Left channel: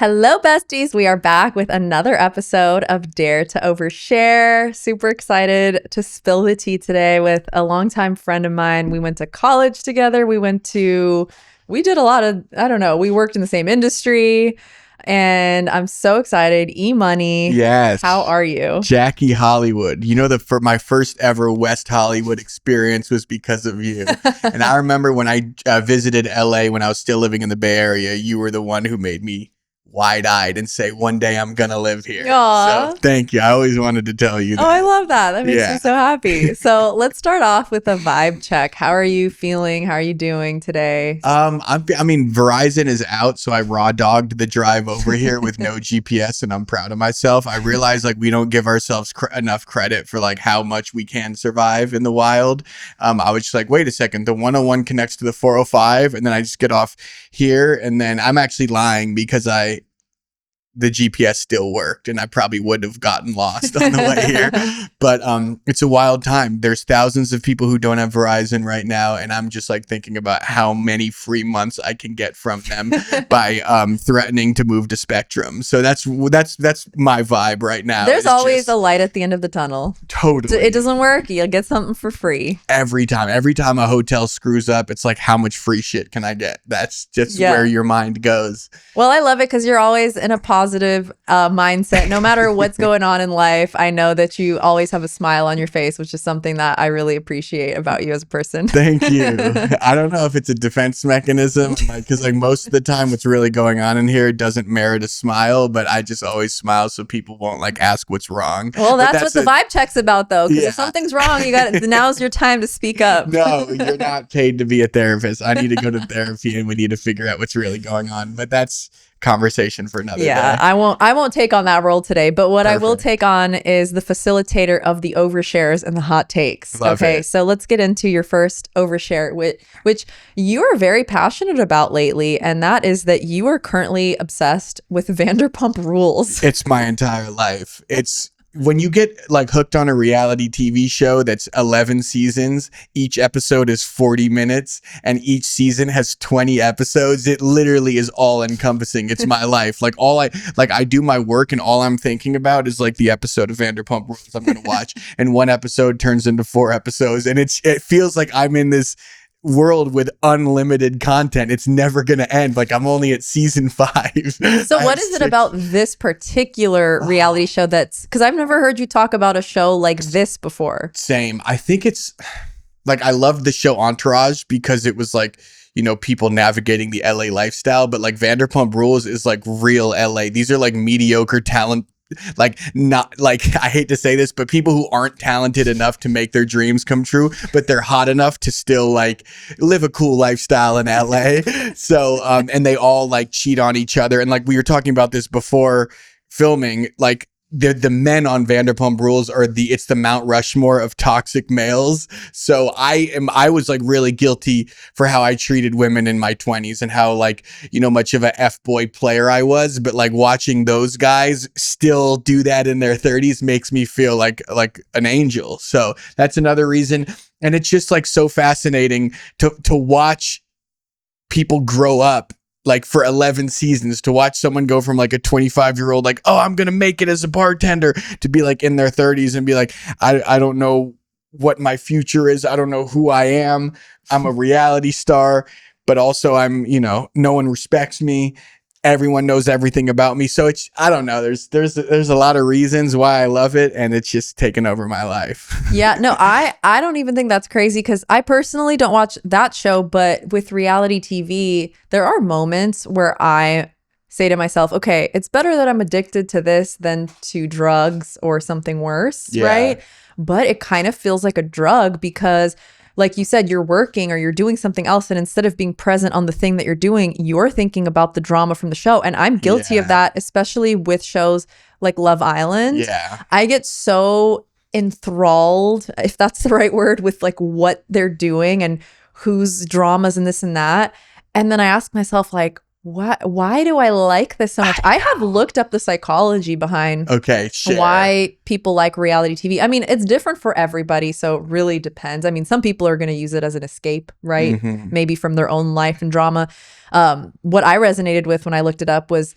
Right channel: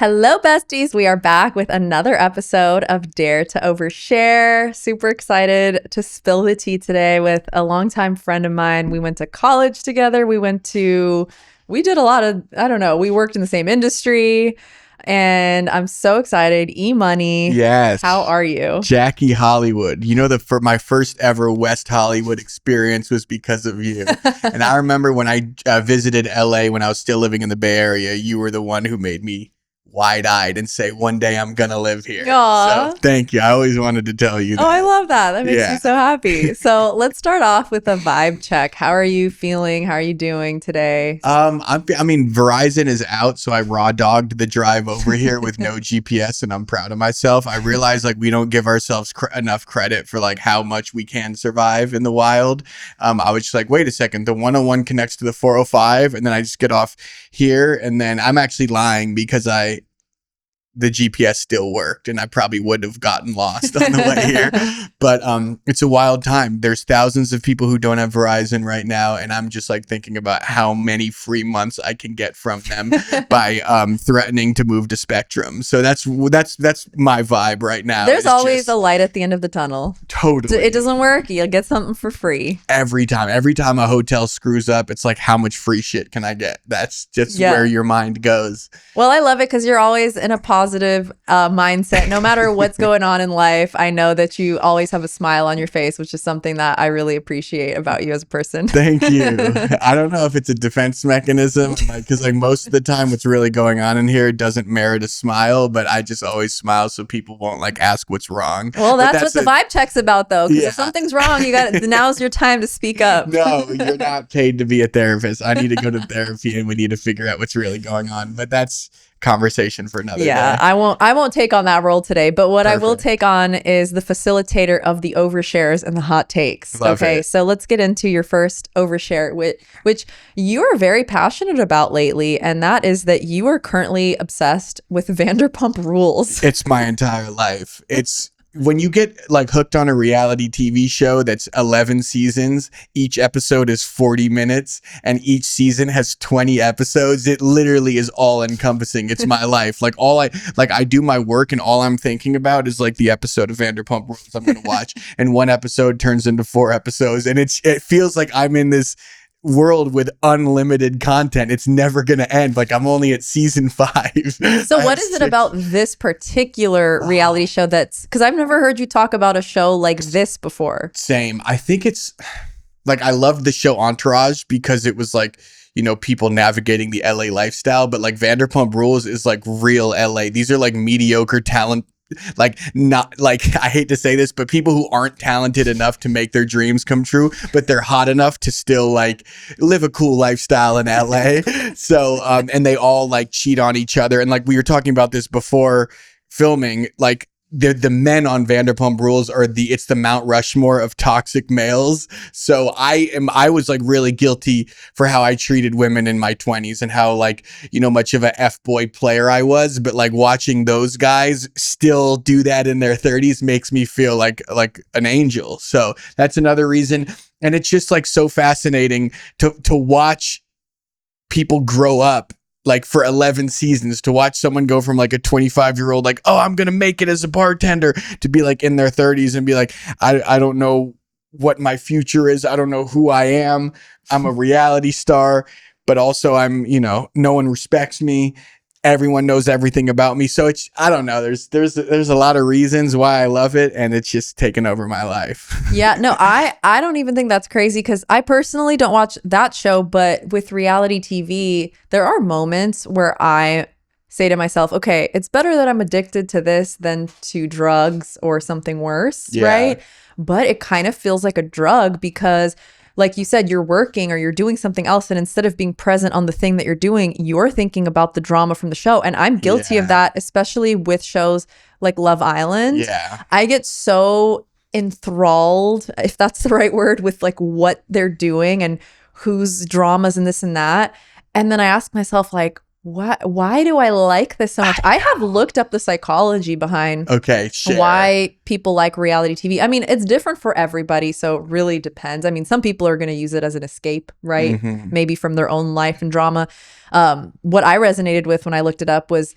Hello, besties. We are back with another episode of Dare to Overshare. Super excited to spill the tea today with a longtime friend of mine. We went to college together. We did a lot of, we worked in the same industry. And I'm so excited. EMoney. Yes. How are you? Jackie Hollywood. For my first ever West Hollywood experience was because of you. And I remember when I visited LA when I was still living in the Bay Area, you were the one who made me wide-eyed and say, one day I'm gonna live here. Aww. So thank you. I always wanted to tell you that. Oh, I love that. That makes me so happy. So let's start off with a vibe check. How are you feeling? How are you doing today? Verizon is out, so I raw dogged the drive over here with no GPS, and I'm proud of myself. I realize we don't give ourselves enough credit for how much we can survive in the wild. I was just wait a second, the 101 connects to the 405, and then I just get off here, and then I'm actually lying because the GPS still worked and I probably would have gotten lost on the way here. But it's a wild time. There's thousands of people who don't have Verizon right now. And I'm just thinking about how many free months I can get from them by threatening to move to Spectrum. So that's my vibe right now. There's always a light at the end of the tunnel. Totally. It doesn't work. You'll get something for free. Every time a hotel screws up, it's how much free shit can I get? That's just where your mind goes. Well, I love it because you're always in a positive mindset. No matter what's going on in life, I know that you always have a smile on your face, which is something that I really appreciate about you as a person. Thank you. I don't know if it's a defense mechanism, because most of the time what's really going on in here doesn't merit a smile, but I just always smile so people won't ask what's wrong. Well, that's what the vibe check's about, though, because if something's wrong, now's your time to speak up. No, you're not paid to be a therapist. I need to go to therapy and we need to figure out what's really going on. But that's conversation for another day. I won't take on that role today, but what I will take on is the facilitator of the overshares and the hot takes. Love it. So let's get into your first overshare, which you are very passionate about lately, and that is that you are currently obsessed with Vanderpump Rules. It's my entire life. It's when you get hooked on a reality TV show that's 11 seasons, each episode is 40 minutes and each season has 20 episodes. It literally is all encompassing. It's my life. I do my work and all I'm thinking about is the episode of Vanderpump Rules I'm going to watch. And one episode turns into 4 episodes. And it feels like I'm in this world with unlimited content. It's never gonna end. I'm only at season 5. So what is it about this particular reality show because I've never heard you talk about a show like this before? Same. I think it's I love the show Entourage because it was people navigating the LA lifestyle, but Vanderpump Rules is real LA. These are mediocre talent, not I hate to say this, but people who aren't talented enough to make their dreams come true, but they're hot enough to still live a cool lifestyle in LA. So and they all cheat on each other, and we were talking about this before filming, the men on Vanderpump Rules are it's the Mount Rushmore of toxic males. So I was really guilty for how I treated women in my 20s and how much of a F-boy player I was. But watching those guys still do that in their 30s makes me feel like an angel. So that's another reason. And it's just so fascinating to watch people grow up. For 11 seasons, to watch someone go from a 25-year-old, oh, I'm going to make it as a bartender, to be in their 30s and be I don't know what my future is. I don't know who I am. I'm a reality star, but also I'm, no one respects me. Everyone knows everything about me. So I don't know. There's a lot of reasons why I love it, and it's just taken over my life. Yeah, no, I don't even think that's crazy because I personally don't watch that show, but with reality TV, there are moments where I say to myself, okay, it's better that I'm addicted to this than to drugs or something worse, right? But it kind of feels like a drug because like you said, you're working or you're doing something else, and instead of being present on the thing that you're doing, you're thinking about the drama from the show. And I'm guilty of that, especially with shows like Love Island. Yeah. I get so enthralled, if that's the right word, with like what they're doing and whose dramas and this and that. And then I ask myself, like, why do I like this so much? I have looked up the psychology behind why people like reality TV. I mean, it's different for everybody, so it really depends. I mean, some people are going to use it as an escape, right? Maybe from their own life and drama. What I resonated with when I looked it up was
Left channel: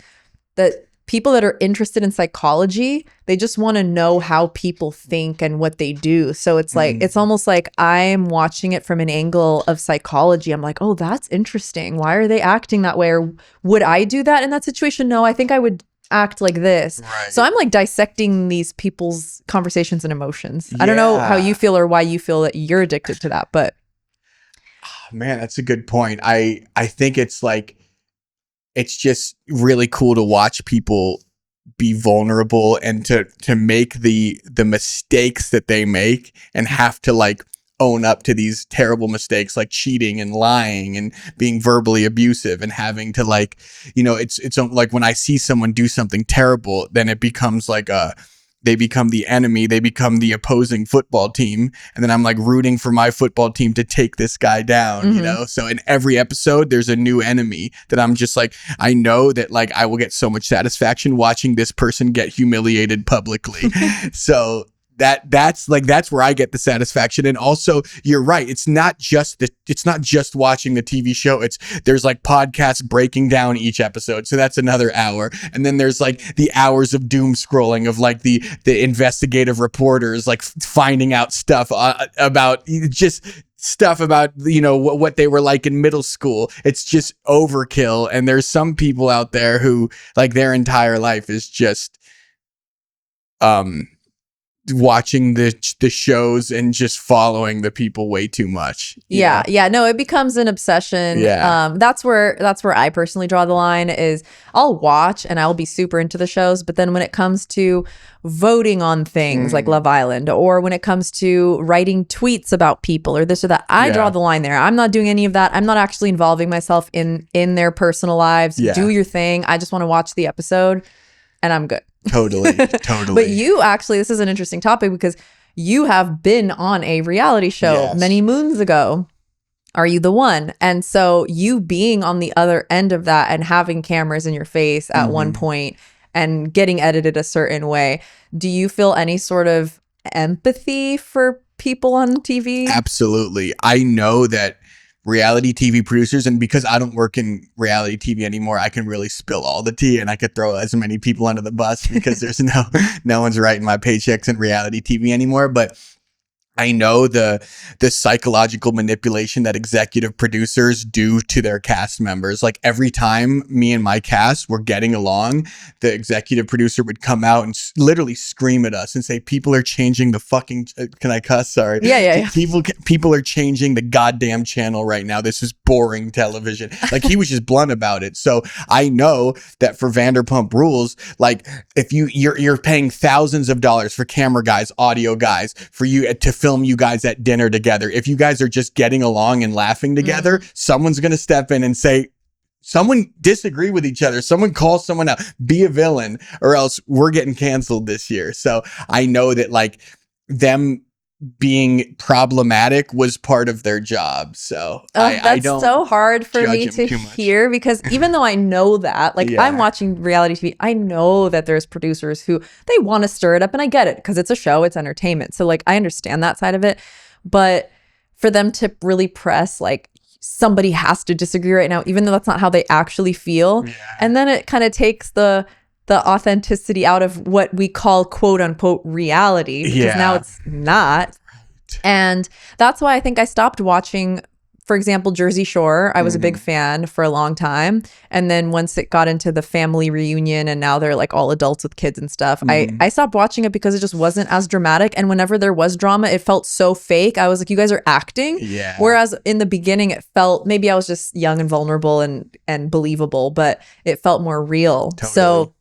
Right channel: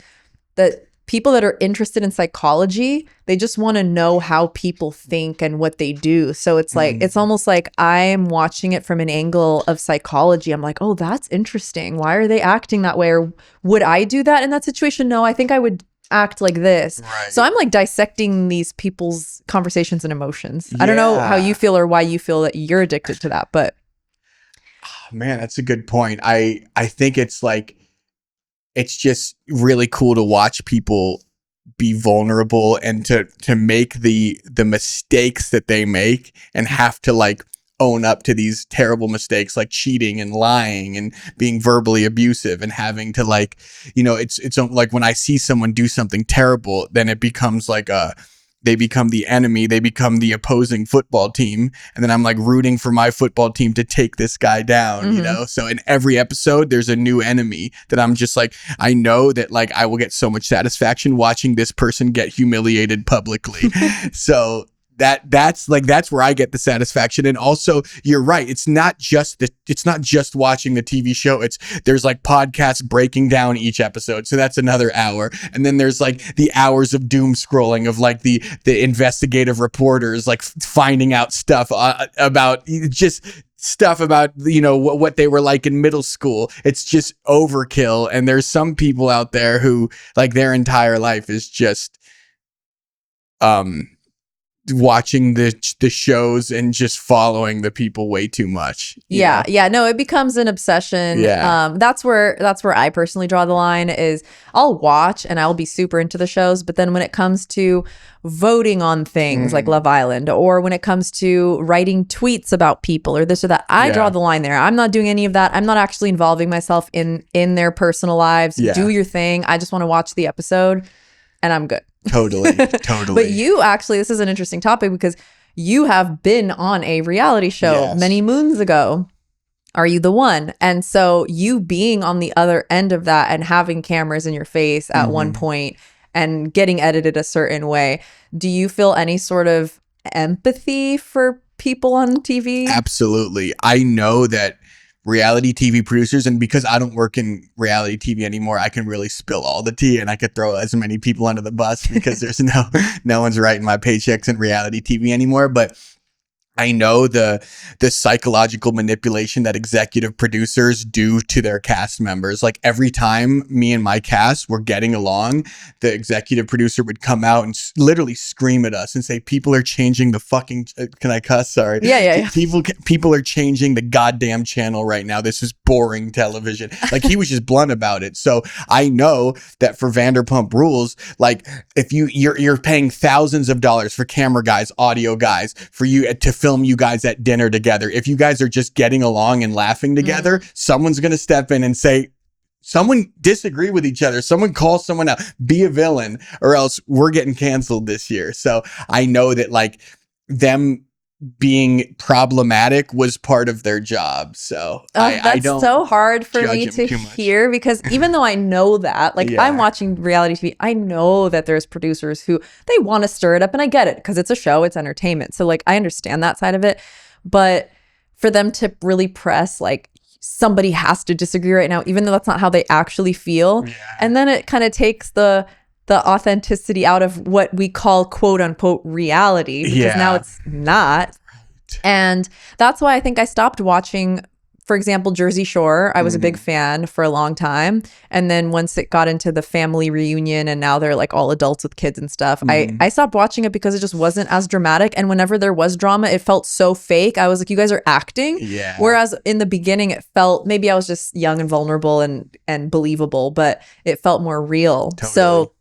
that people that are interested in psychology, they just want to know how people think and what they do. So it's like, it's almost like I'm watching it from an angle of psychology. I'm like, oh, that's interesting. Why are they acting that way? Or would I do that in that situation? No, I think I would act like this. Right. So I'm like dissecting these people's conversations and emotions. I don't know how you feel or why you feel that you're addicted to that, but man, that's a good point. I think it's like, it's just really cool to watch people be vulnerable and to make the mistakes that they make and have to like own up to these terrible mistakes, like cheating and lying and being verbally abusive and having to like, you know, it's like when I see someone do something terrible, then it becomes like they become the enemy, they become the opposing football team, and then I'm like rooting for my football team to take this guy down, you know? So in every episode there's a new enemy that I'm just like, I know that like I will get so much satisfaction watching this person get humiliated publicly. So that's where I get the satisfaction. And also you're right, it's not just watching the TV show, there's like podcasts breaking down each episode, so that's another hour, and then there's like the hours of doom scrolling of like the investigative reporters like finding out stuff about just stuff about, you know, what they were like in middle school. It's just overkill, and there's some people out there who like their entire life is just watching the shows and just following the people way too much. Yeah. No, it becomes an obsession. That's where I personally draw the line is I'll watch and I'll be super into the shows, but then when it comes to voting on things like Love Island, or when it comes to writing tweets about people or this or that, I draw the line there. I'm not doing any of that. I'm not actually involving myself in their personal lives. Do your thing. I just want to watch the episode and I'm good. Totally. But you actually, this is an interesting topic because you have been on a reality show many moons ago. Are You the One? And so you being on the other end of that and having cameras in your face at one point and getting edited a certain way, do you feel any sort of empathy for people on TV? Absolutely. I know that reality TV producers, and because I don't work in reality TV anymore, I can really spill all the tea and I could throw as many people under the bus because there's no one's writing my paychecks in reality TV anymore. But I know the psychological manipulation that executive producers do to their cast members. Like every time me and my cast were getting along, the executive producer would come out and literally scream at us and say, people are changing the fucking, can I cuss? Sorry. Yeah. People are changing the goddamn channel right now. This is boring television. Like he was just blunt about it. So I know that for Vanderpump Rules, like if you're paying thousands of dollars for camera guys, audio guys, for you to film you guys at dinner together. If you guys are just getting along and laughing together, someone's going to step in and say, someone disagree with each other. Someone call someone out, be a villain, or else we're getting canceled this year. So I know that like them being problematic was part of their job. So I don't so hard for me to hear because even though I know that, like I'm watching reality TV, I know that there's producers who they want to stir it up, and I get it because it's a show, it's entertainment. So like I understand that side of it, but for them to really press like somebody has to disagree right now, even though that's not how they actually feel, and then it kind of takes the authenticity out of what we call quote unquote reality, because now it's not. And that's why I think I stopped watching, for example, Jersey Shore. I was a big fan for a long time. And then once it got into the family reunion and now they're like all adults with kids and stuff, I stopped watching it because it just wasn't as dramatic. And whenever there was drama, it felt so fake. I was like, you guys are acting. Whereas in the beginning, it felt, maybe I was just young and vulnerable and believable, but it felt more real. So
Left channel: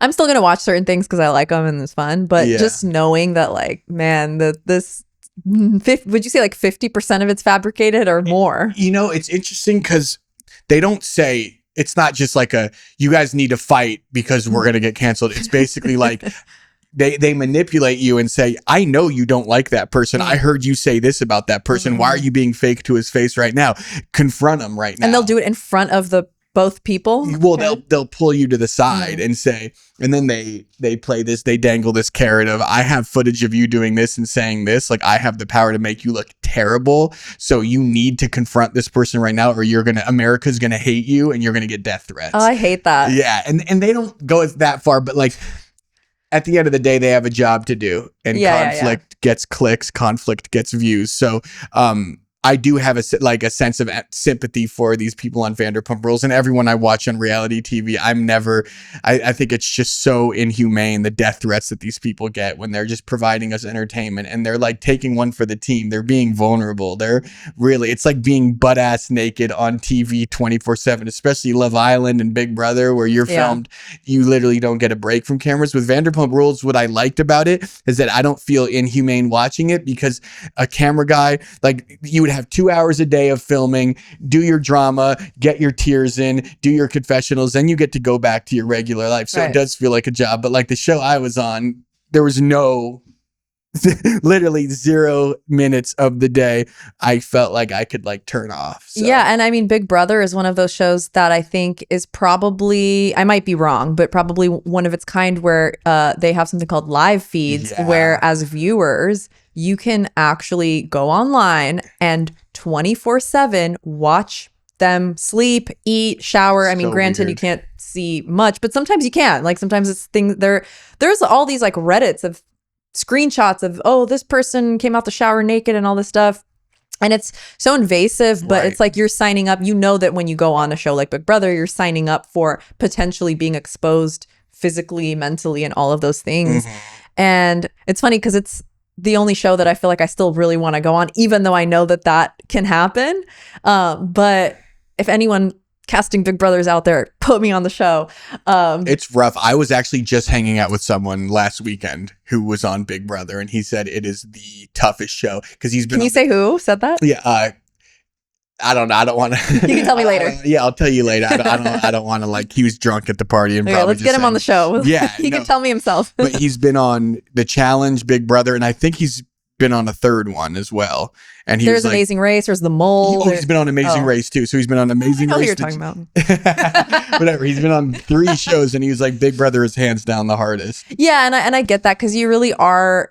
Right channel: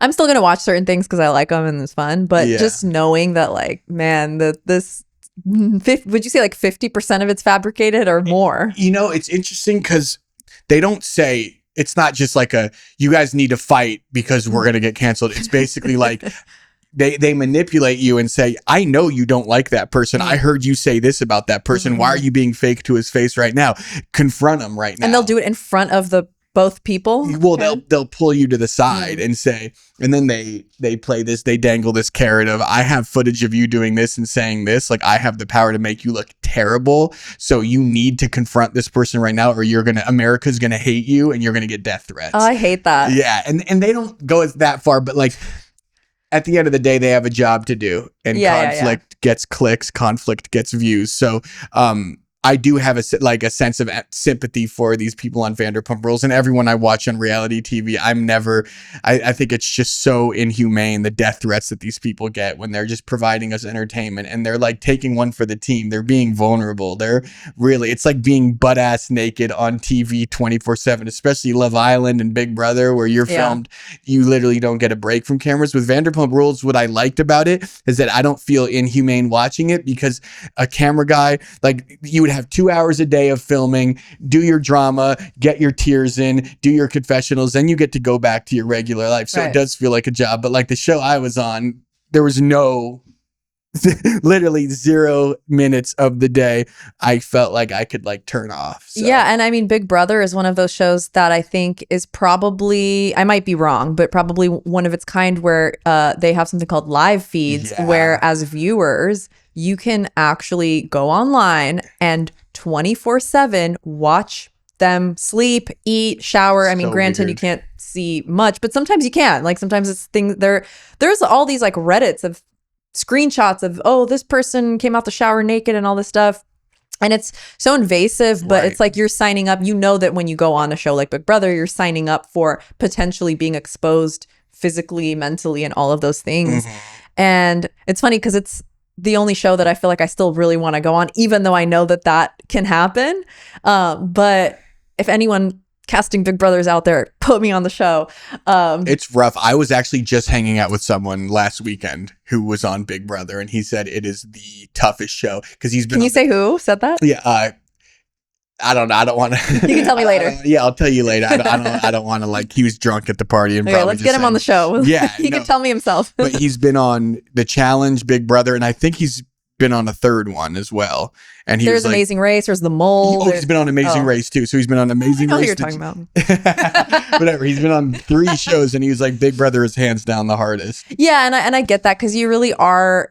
I'm still going to watch certain things because I like them and it's fun. But just knowing that like, man, this, would you say like 50% of it's fabricated or more? You know, it's interesting because they don't say, it's not just like you guys need to fight because we're going to get canceled. It's basically like they manipulate you and say, I know you don't like that person. I heard you say this about that person. Why are you being fake to his face right now? Confront him right now. And they'll do it in front of the both people. Well, they'll pull you to the side and say, and then they play this, they dangle this carrot of, I have footage of you doing this and saying this, like I have the power to make you look terrible, so you need to confront this person right now, or America's gonna hate you and you're gonna get death threats. Oh, I hate that. Yeah, and they don't go that far, but like at the end of the day, they have a job to do, and conflict gets clicks, conflict gets views. So I do have a sense of sympathy for these people on Vanderpump Rules and everyone I watch on reality TV. I think it's just so inhumane, the death threats that these people get when they're just providing us entertainment, and they're like taking one for the team. They're being vulnerable. It's like being butt ass naked on TV 24/7, especially Love Island and Big Brother, where you're filmed. You literally don't get a break from cameras. With Vanderpump Rules, what I liked about it is that I don't feel inhumane watching it, because a camera guy, like, you would have 2 hours a day of filming, do your drama, get your tears in, do your confessionals, then you get to go back to your regular life. So it does feel like a job. But like the show I was on, there was literally 0 minutes of the day I felt like I could like turn off. So. Yeah. And I mean, Big Brother is one of those shows that I think is probably, I might be wrong, but probably one of its kind where they have something called live feeds, where as viewers, you can actually go online and 24/7 watch them sleep, eat, shower. I mean, granted, you can't see much, but sometimes you can. Like sometimes it's things there's all these like Reddits of screenshots of, oh, this person came out the shower naked and all this stuff. And it's so invasive, but it's like you're signing up. You know that when you go on a show like Big Brother, you're signing up for potentially being exposed physically, mentally, and all of those things. And it's funny because it's the only show that I feel like I still really want to go on, even though I know that can happen. But if anyone casting Big Brothers out there, put me on the show. It's rough. I was actually just hanging out with someone last weekend who was on Big Brother, and he said it is the toughest show because he's been. Can you say who said that? Yeah. I don't know. I don't want to. You can tell me later. Yeah, I'll tell you later. I don't want to, like, he was drunk at the party and probably let's get him on the show. Yeah. He can tell me himself. But he's been on The Challenge, Big Brother, and I think he's been on a third one as well. And there's Amazing Race, there's The Mole. He's been on Amazing Race too. So he's been on Amazing Race. I know who you're talking about. Whatever. He's been on 3 shows, and he was like, Big Brother is hands down the hardest. Yeah, and I get that, because you really are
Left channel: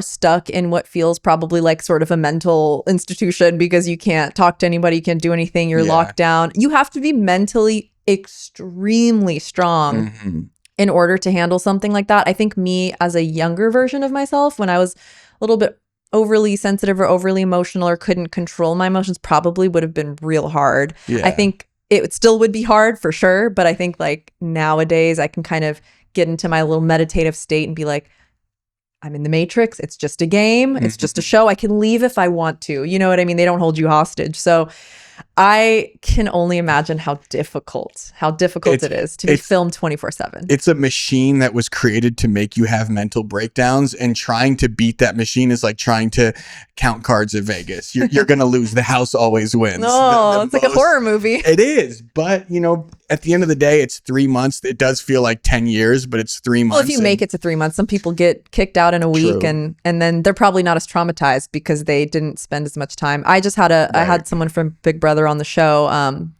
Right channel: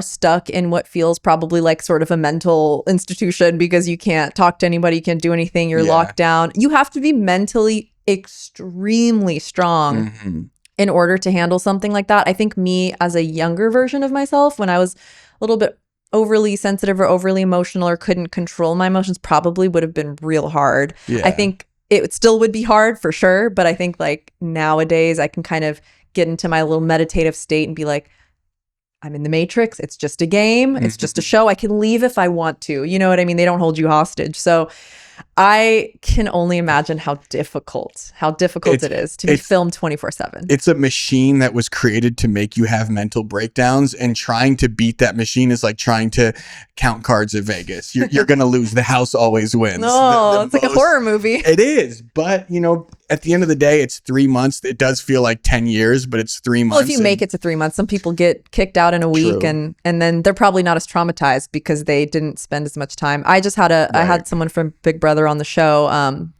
stuck in what feels probably like sort of a mental institution, because you can't talk to anybody, you can't do anything, you're locked down. You have to be mentally extremely strong in order to handle something like that. I think me as a younger version of myself, when I was a little bit overly sensitive or overly emotional or couldn't control my emotions, probably would have been real hard. I think it still would be hard for sure, but I think like nowadays I can kind of get into my little meditative state and be like, I'm in the Matrix. It's just a game. It's just a show. I can leave if I want to. You know what I mean? They don't hold you hostage. So I can only imagine how difficult it is to be filmed 24/7. It's a machine that was created to make you have mental breakdowns, and trying to beat that machine is like trying to count cards at Vegas. You're going to lose. The house always wins. Oh, it's like a horror movie. It is. But, you know, at the end of the day, it's 3 months. It does feel like 10 years, but it's 3 months. Well, if you make it to 3 months, some people get kicked out in a week, and then they're probably not as traumatized because they didn't spend as much time. I just had I had someone from Big Brother on the show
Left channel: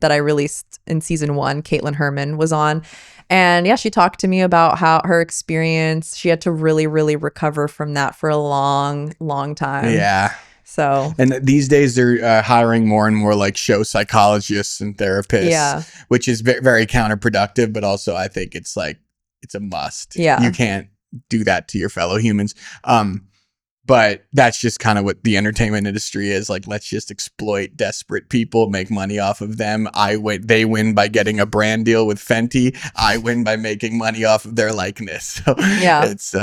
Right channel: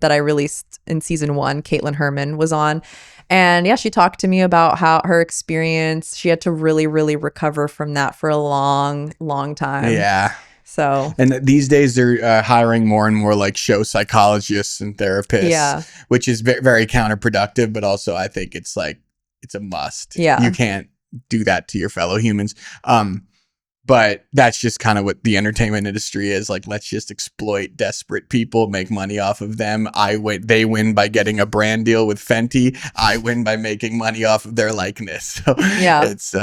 that I released in season 1. Caitlin Herman was on. And yeah, she talked to me about how her experience, she had to really, really recover from that for a long, long time. Yeah. So, and these days they're hiring more and more like show psychologists and therapists, which is very counterproductive, but also I think it's like, it's a must. Yeah. You can't do that to your fellow humans. But that's just kind of what the entertainment industry is. Like, let's just exploit desperate people, make money off of them. They win by getting a brand deal with Fenty. I win by making money off of their likeness. So yeah, it's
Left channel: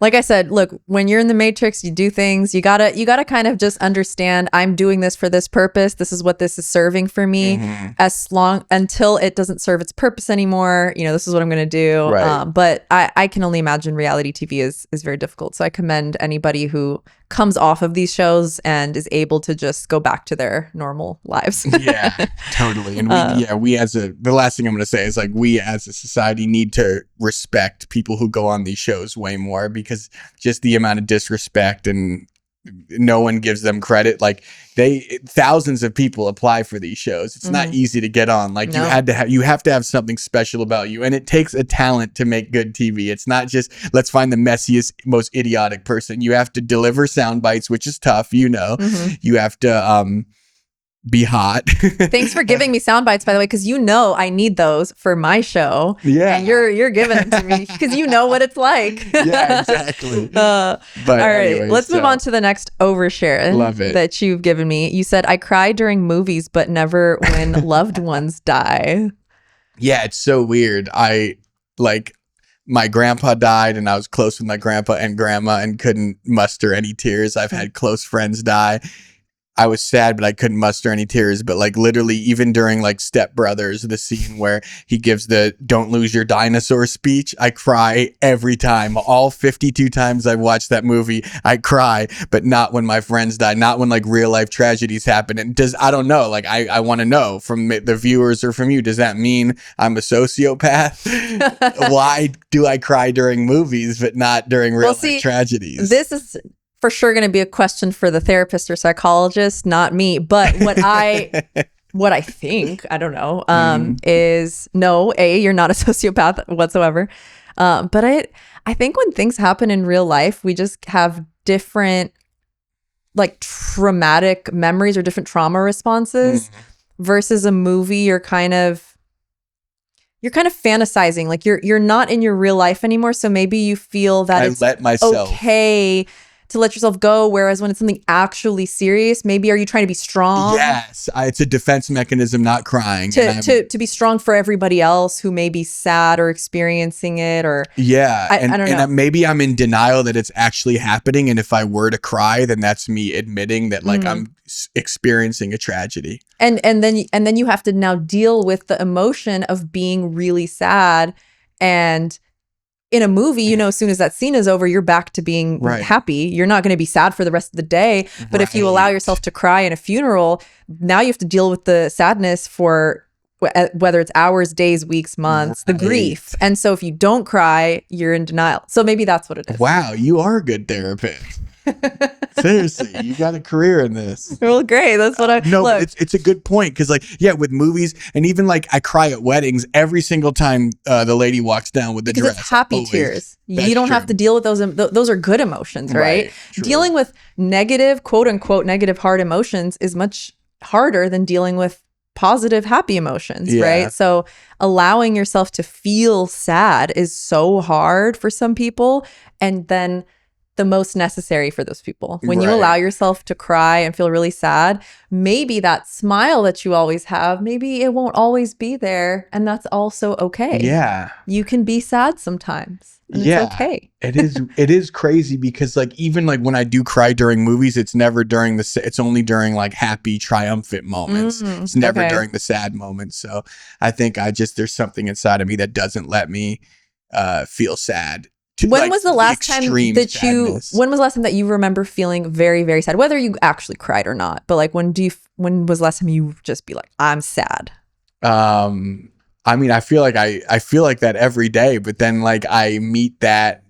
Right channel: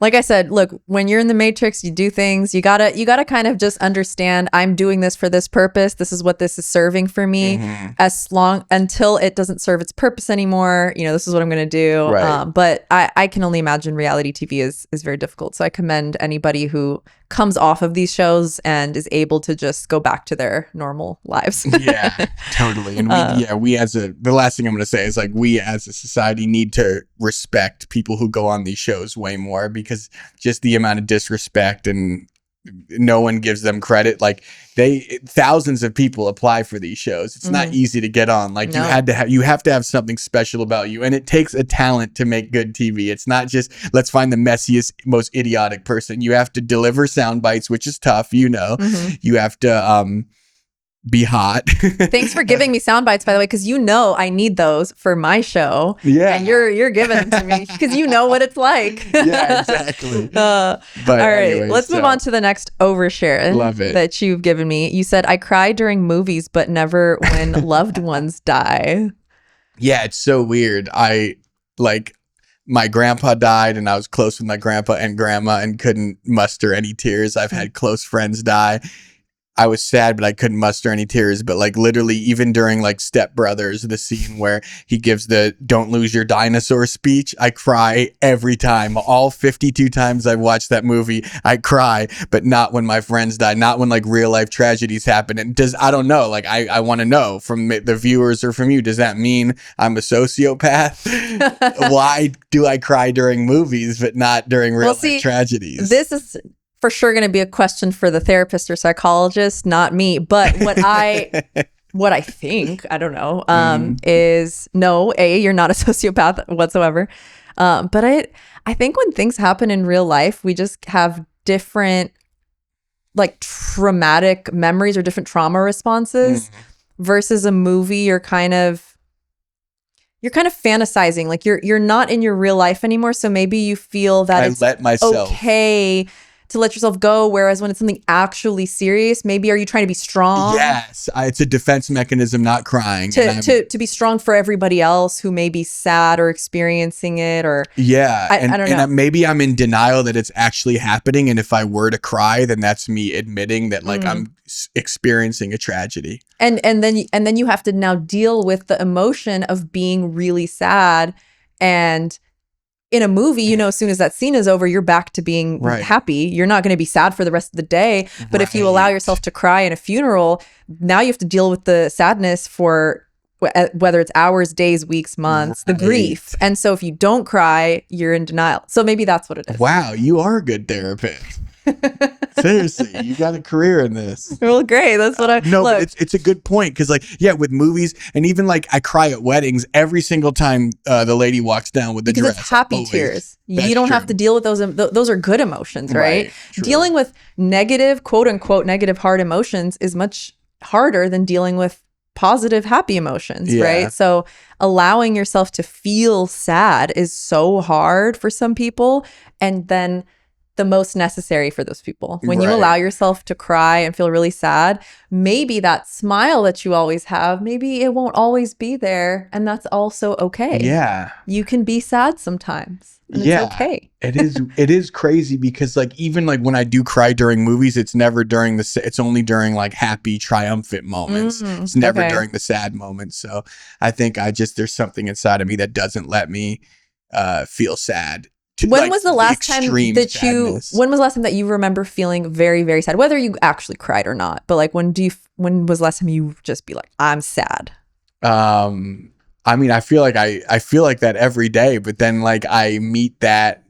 like I said, look, when you're in the Matrix, you do things. You gotta kind of just understand, I'm doing this for this purpose. This is what this is serving for me. Until it doesn't serve its purpose anymore, you know, this is what I'm gonna do. Right. But I can only imagine reality TV is very difficult. So I commend anybody who comes off of these shows and is able to just go back to their normal lives. Yeah, totally. And the last thing I'm going to say is, like, we as a society need to respect people who go on these shows way more, because just the amount of disrespect and no one gives them credit. Like thousands of people apply for these shows. It's not easy to get on. Like No. you have to have something special about you, and it takes a talent to make good TV. It's not just let's find the messiest, most idiotic person. You have to deliver sound bites, which is tough. You you have to be hot. Thanks for giving me sound bites, by the way, because I need those for my show. Yeah. And you're giving them to me because you know what it's like. Yeah, exactly. But all right, anyway, let's move on to the next overshare. Love it. That you've given me. You said, I cry during movies, but never when loved ones die. Yeah, it's so weird. My grandpa died, and I was close with my grandpa and grandma and couldn't muster any tears. I've had close friends die. I was sad, but I couldn't muster any tears. But like literally, even during like Step Brothers, the scene where he gives the "Don't lose your dinosaur" speech, I cry every time. All 52 times I've watched that movie, I cry, but not when my friends die, not when like real life tragedies happen. And I don't know, like I want to know from the viewers or from you, does that mean I'm a sociopath? Why do I cry during movies, but not during real life tragedies? This is for sure going to be a question for the therapist or psychologist, not me. But what I think, I don't know, is no, you're not a sociopath whatsoever. But I think when things happen in real life, we just have different like traumatic memories or different trauma responses versus a movie. You're kind of fantasizing, like you're not in your real life anymore. So maybe you feel that it's let myself okay to let yourself go, whereas when it's something actually serious, maybe are you trying to be strong? Yes, it's a defense mechanism, not crying. To be strong for everybody else who may be sad or experiencing it, or I don't know. And maybe I'm in denial that it's actually happening, and if I were to cry, then that's me admitting that like I'm experiencing a tragedy. And then you have to now deal with the emotion of being really sad. And in a movie, as soon as that scene is over, you're back to being happy. You're not going to be sad for the rest of the day. But if you allow yourself to cry in a funeral, now you have to deal with the sadness for whether it's hours, days, weeks, months, the grief. And so if you don't cry, you're in denial. So maybe that's what it is. Wow, you are a good therapist. Seriously, you got a career in this. Well, great. That's what it's a good point, because with movies, and even like I cry at weddings every single time the lady walks down with the dress. It's happy tears. You don't have to deal with those. Those are good emotions, right? Dealing with negative, quote unquote, negative hard emotions is much harder than dealing with positive, happy emotions, right? So allowing yourself to feel sad is so hard for some people, and then the most necessary for those people. When you allow yourself to cry and feel really sad, maybe that smile that you always have, maybe it won't always be there, and that's also okay. Yeah. You can be sad sometimes. And it's okay. It is crazy, because like even like when I do cry during movies, it's never during it's only during like happy, triumphant moments. It's never during the sad moments. So I think there's something inside of me that doesn't let me feel sad. When was the last time that you remember feeling very, very sad, whether you actually cried or not? But like, when was the last time you just be like, I'm sad? I mean, I feel like that every day, but then like I meet that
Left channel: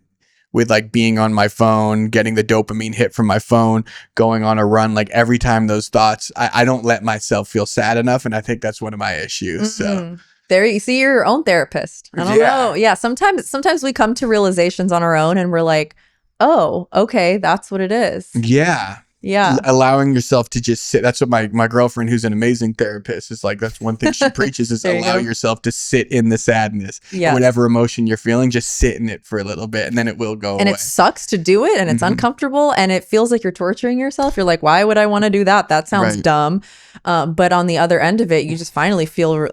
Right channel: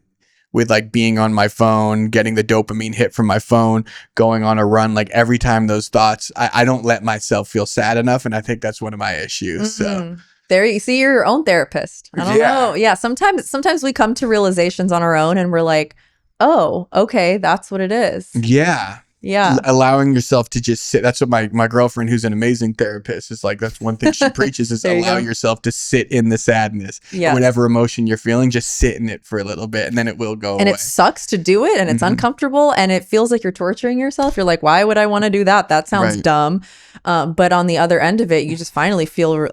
with like being on my phone, getting the dopamine hit from my phone, going on a run. Like every time those thoughts, I don't let myself feel sad enough. And I think that's one of my issues. So there, you see, you're your own therapist. I don't know. Yeah. Sometimes we come to realizations on our own, and we're like, oh, okay, that's what it is. Yeah. Yeah. Allowing yourself to just sit. That's what my girlfriend, who's an amazing therapist, is like, that's one thing she preaches, is allow yourself to sit in the sadness. Yeah. Whatever emotion you're feeling, just sit in it for a little bit, and then it will go away. And it sucks to do it, and it's uncomfortable, and it feels like you're torturing yourself. You're like, why would I want to do that? That sounds dumb. But on the other end of it, you just finally feel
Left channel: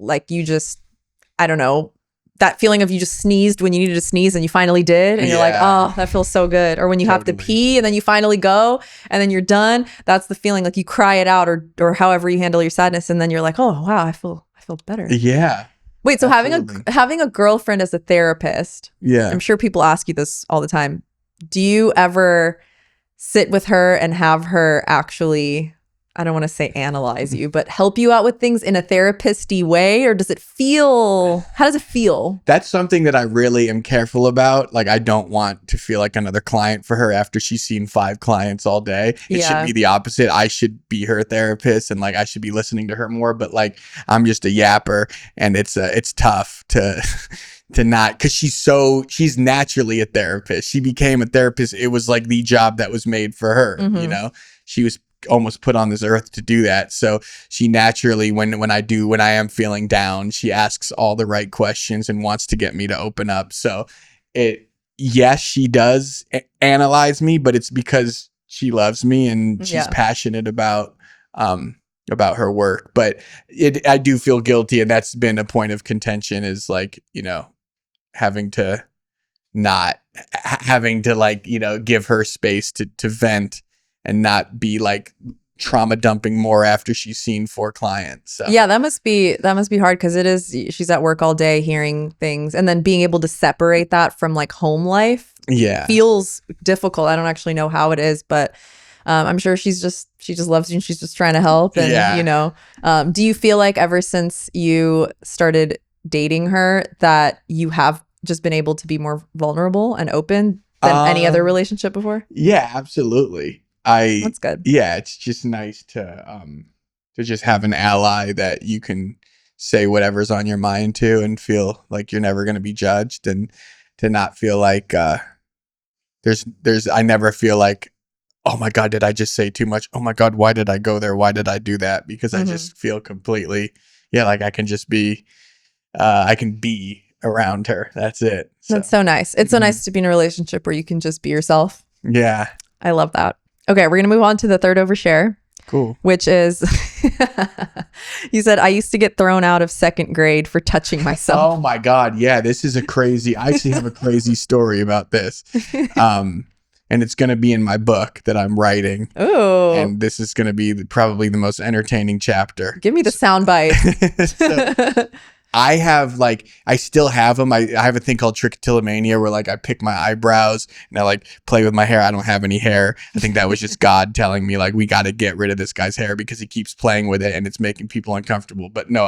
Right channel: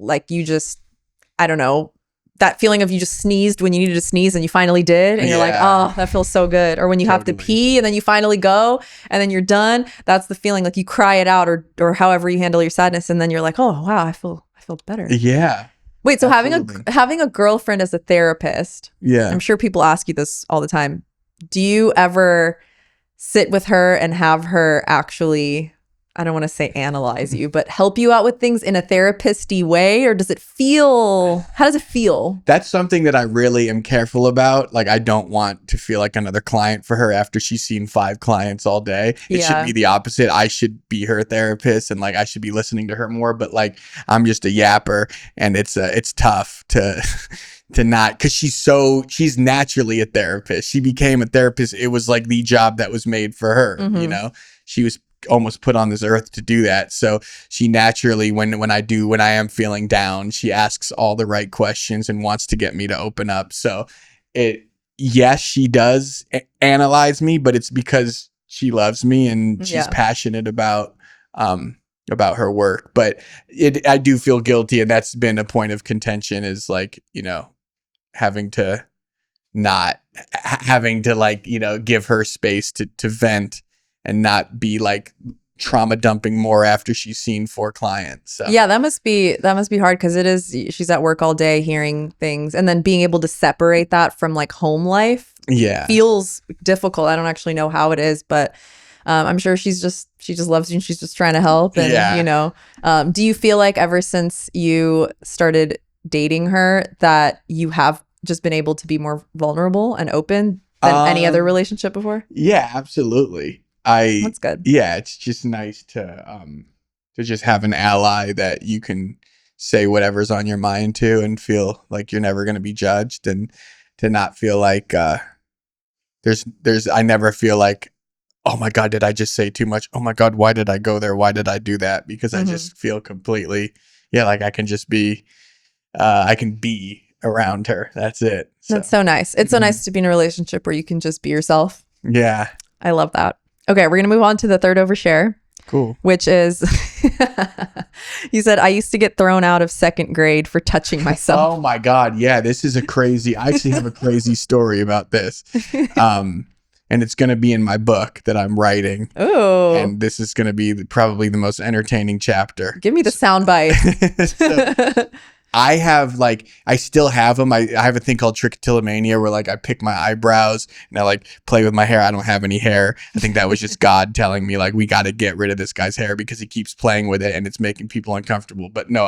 like you just, I don't know, that feeling of you just sneezed when you needed to sneeze and you finally did, and you're like, oh, that feels so good. Or when you have to pee and then you finally go and then you're done. That's the feeling, like you cry it out, or however you handle your sadness, and then you're like, oh wow, I feel better. Yeah. Wait, so having a girlfriend as a therapist, I'm sure people ask you this all the time. Do you ever sit with her and have her actually I don't want to say analyze you, but help you out with things in a therapist-y way? Or does it feel, how does it feel? That's something that I really am careful about. Like, I don't want to feel like another client for her after she's seen 5 clients all day. It should be the opposite. I should be her therapist and like I should be listening to her more. But like, I'm just a yapper, and it's tough to to not, because she's naturally a therapist. She became a therapist. It was like the job that was made for her. You know, she was almost put on this earth to do that. So she naturally, when I am feeling down, she asks all the right questions and wants to get me to open up. So yes, she does analyze me, but it's because she loves me and she's passionate about her work. But I do feel guilty, and that's been a point of contention, is like, you know, having to like, you know, give her space to vent and not be like trauma dumping more after she's seen 4 clients. So. Yeah, that must be hard, because she's at work all day hearing things, and then being able to separate that from like home life feels difficult. I don't actually know how it is, but I'm sure she just loves you and she's just trying to help. And you know, do you feel like ever since you started dating her that you have just been able to be more vulnerable and open than any other relationship before? Yeah, absolutely. That's good. Yeah, it's just nice to just have an ally that you can say whatever's on your mind to and feel like you're never going to be judged, and to not feel like I never feel like, oh my God, did I just say too much? Oh my God, why did I go there? Why did I do that? Because I just feel completely, like I can just be, I can be around her. That's it. So. That's so nice. It's so nice to be in a relationship where you can just be yourself. Yeah. I love that. Okay, we're going to move on to the third overshare. Cool. Which is, you said, I used to get thrown out of 2nd grade for touching myself. Oh my God. Yeah, this is I actually have a crazy story about this. And it's going to be in my book that I'm writing. Oh. And this is going to be probably the most entertaining chapter. Give me the soundbite. I still have them. I have a thing called Trichotillomania where like I pick my eyebrows and I like play with my hair. I don't have any hair. I think that was just God telling me like, we got to get rid of this guy's hair because he keeps playing with it and it's making people uncomfortable. But no,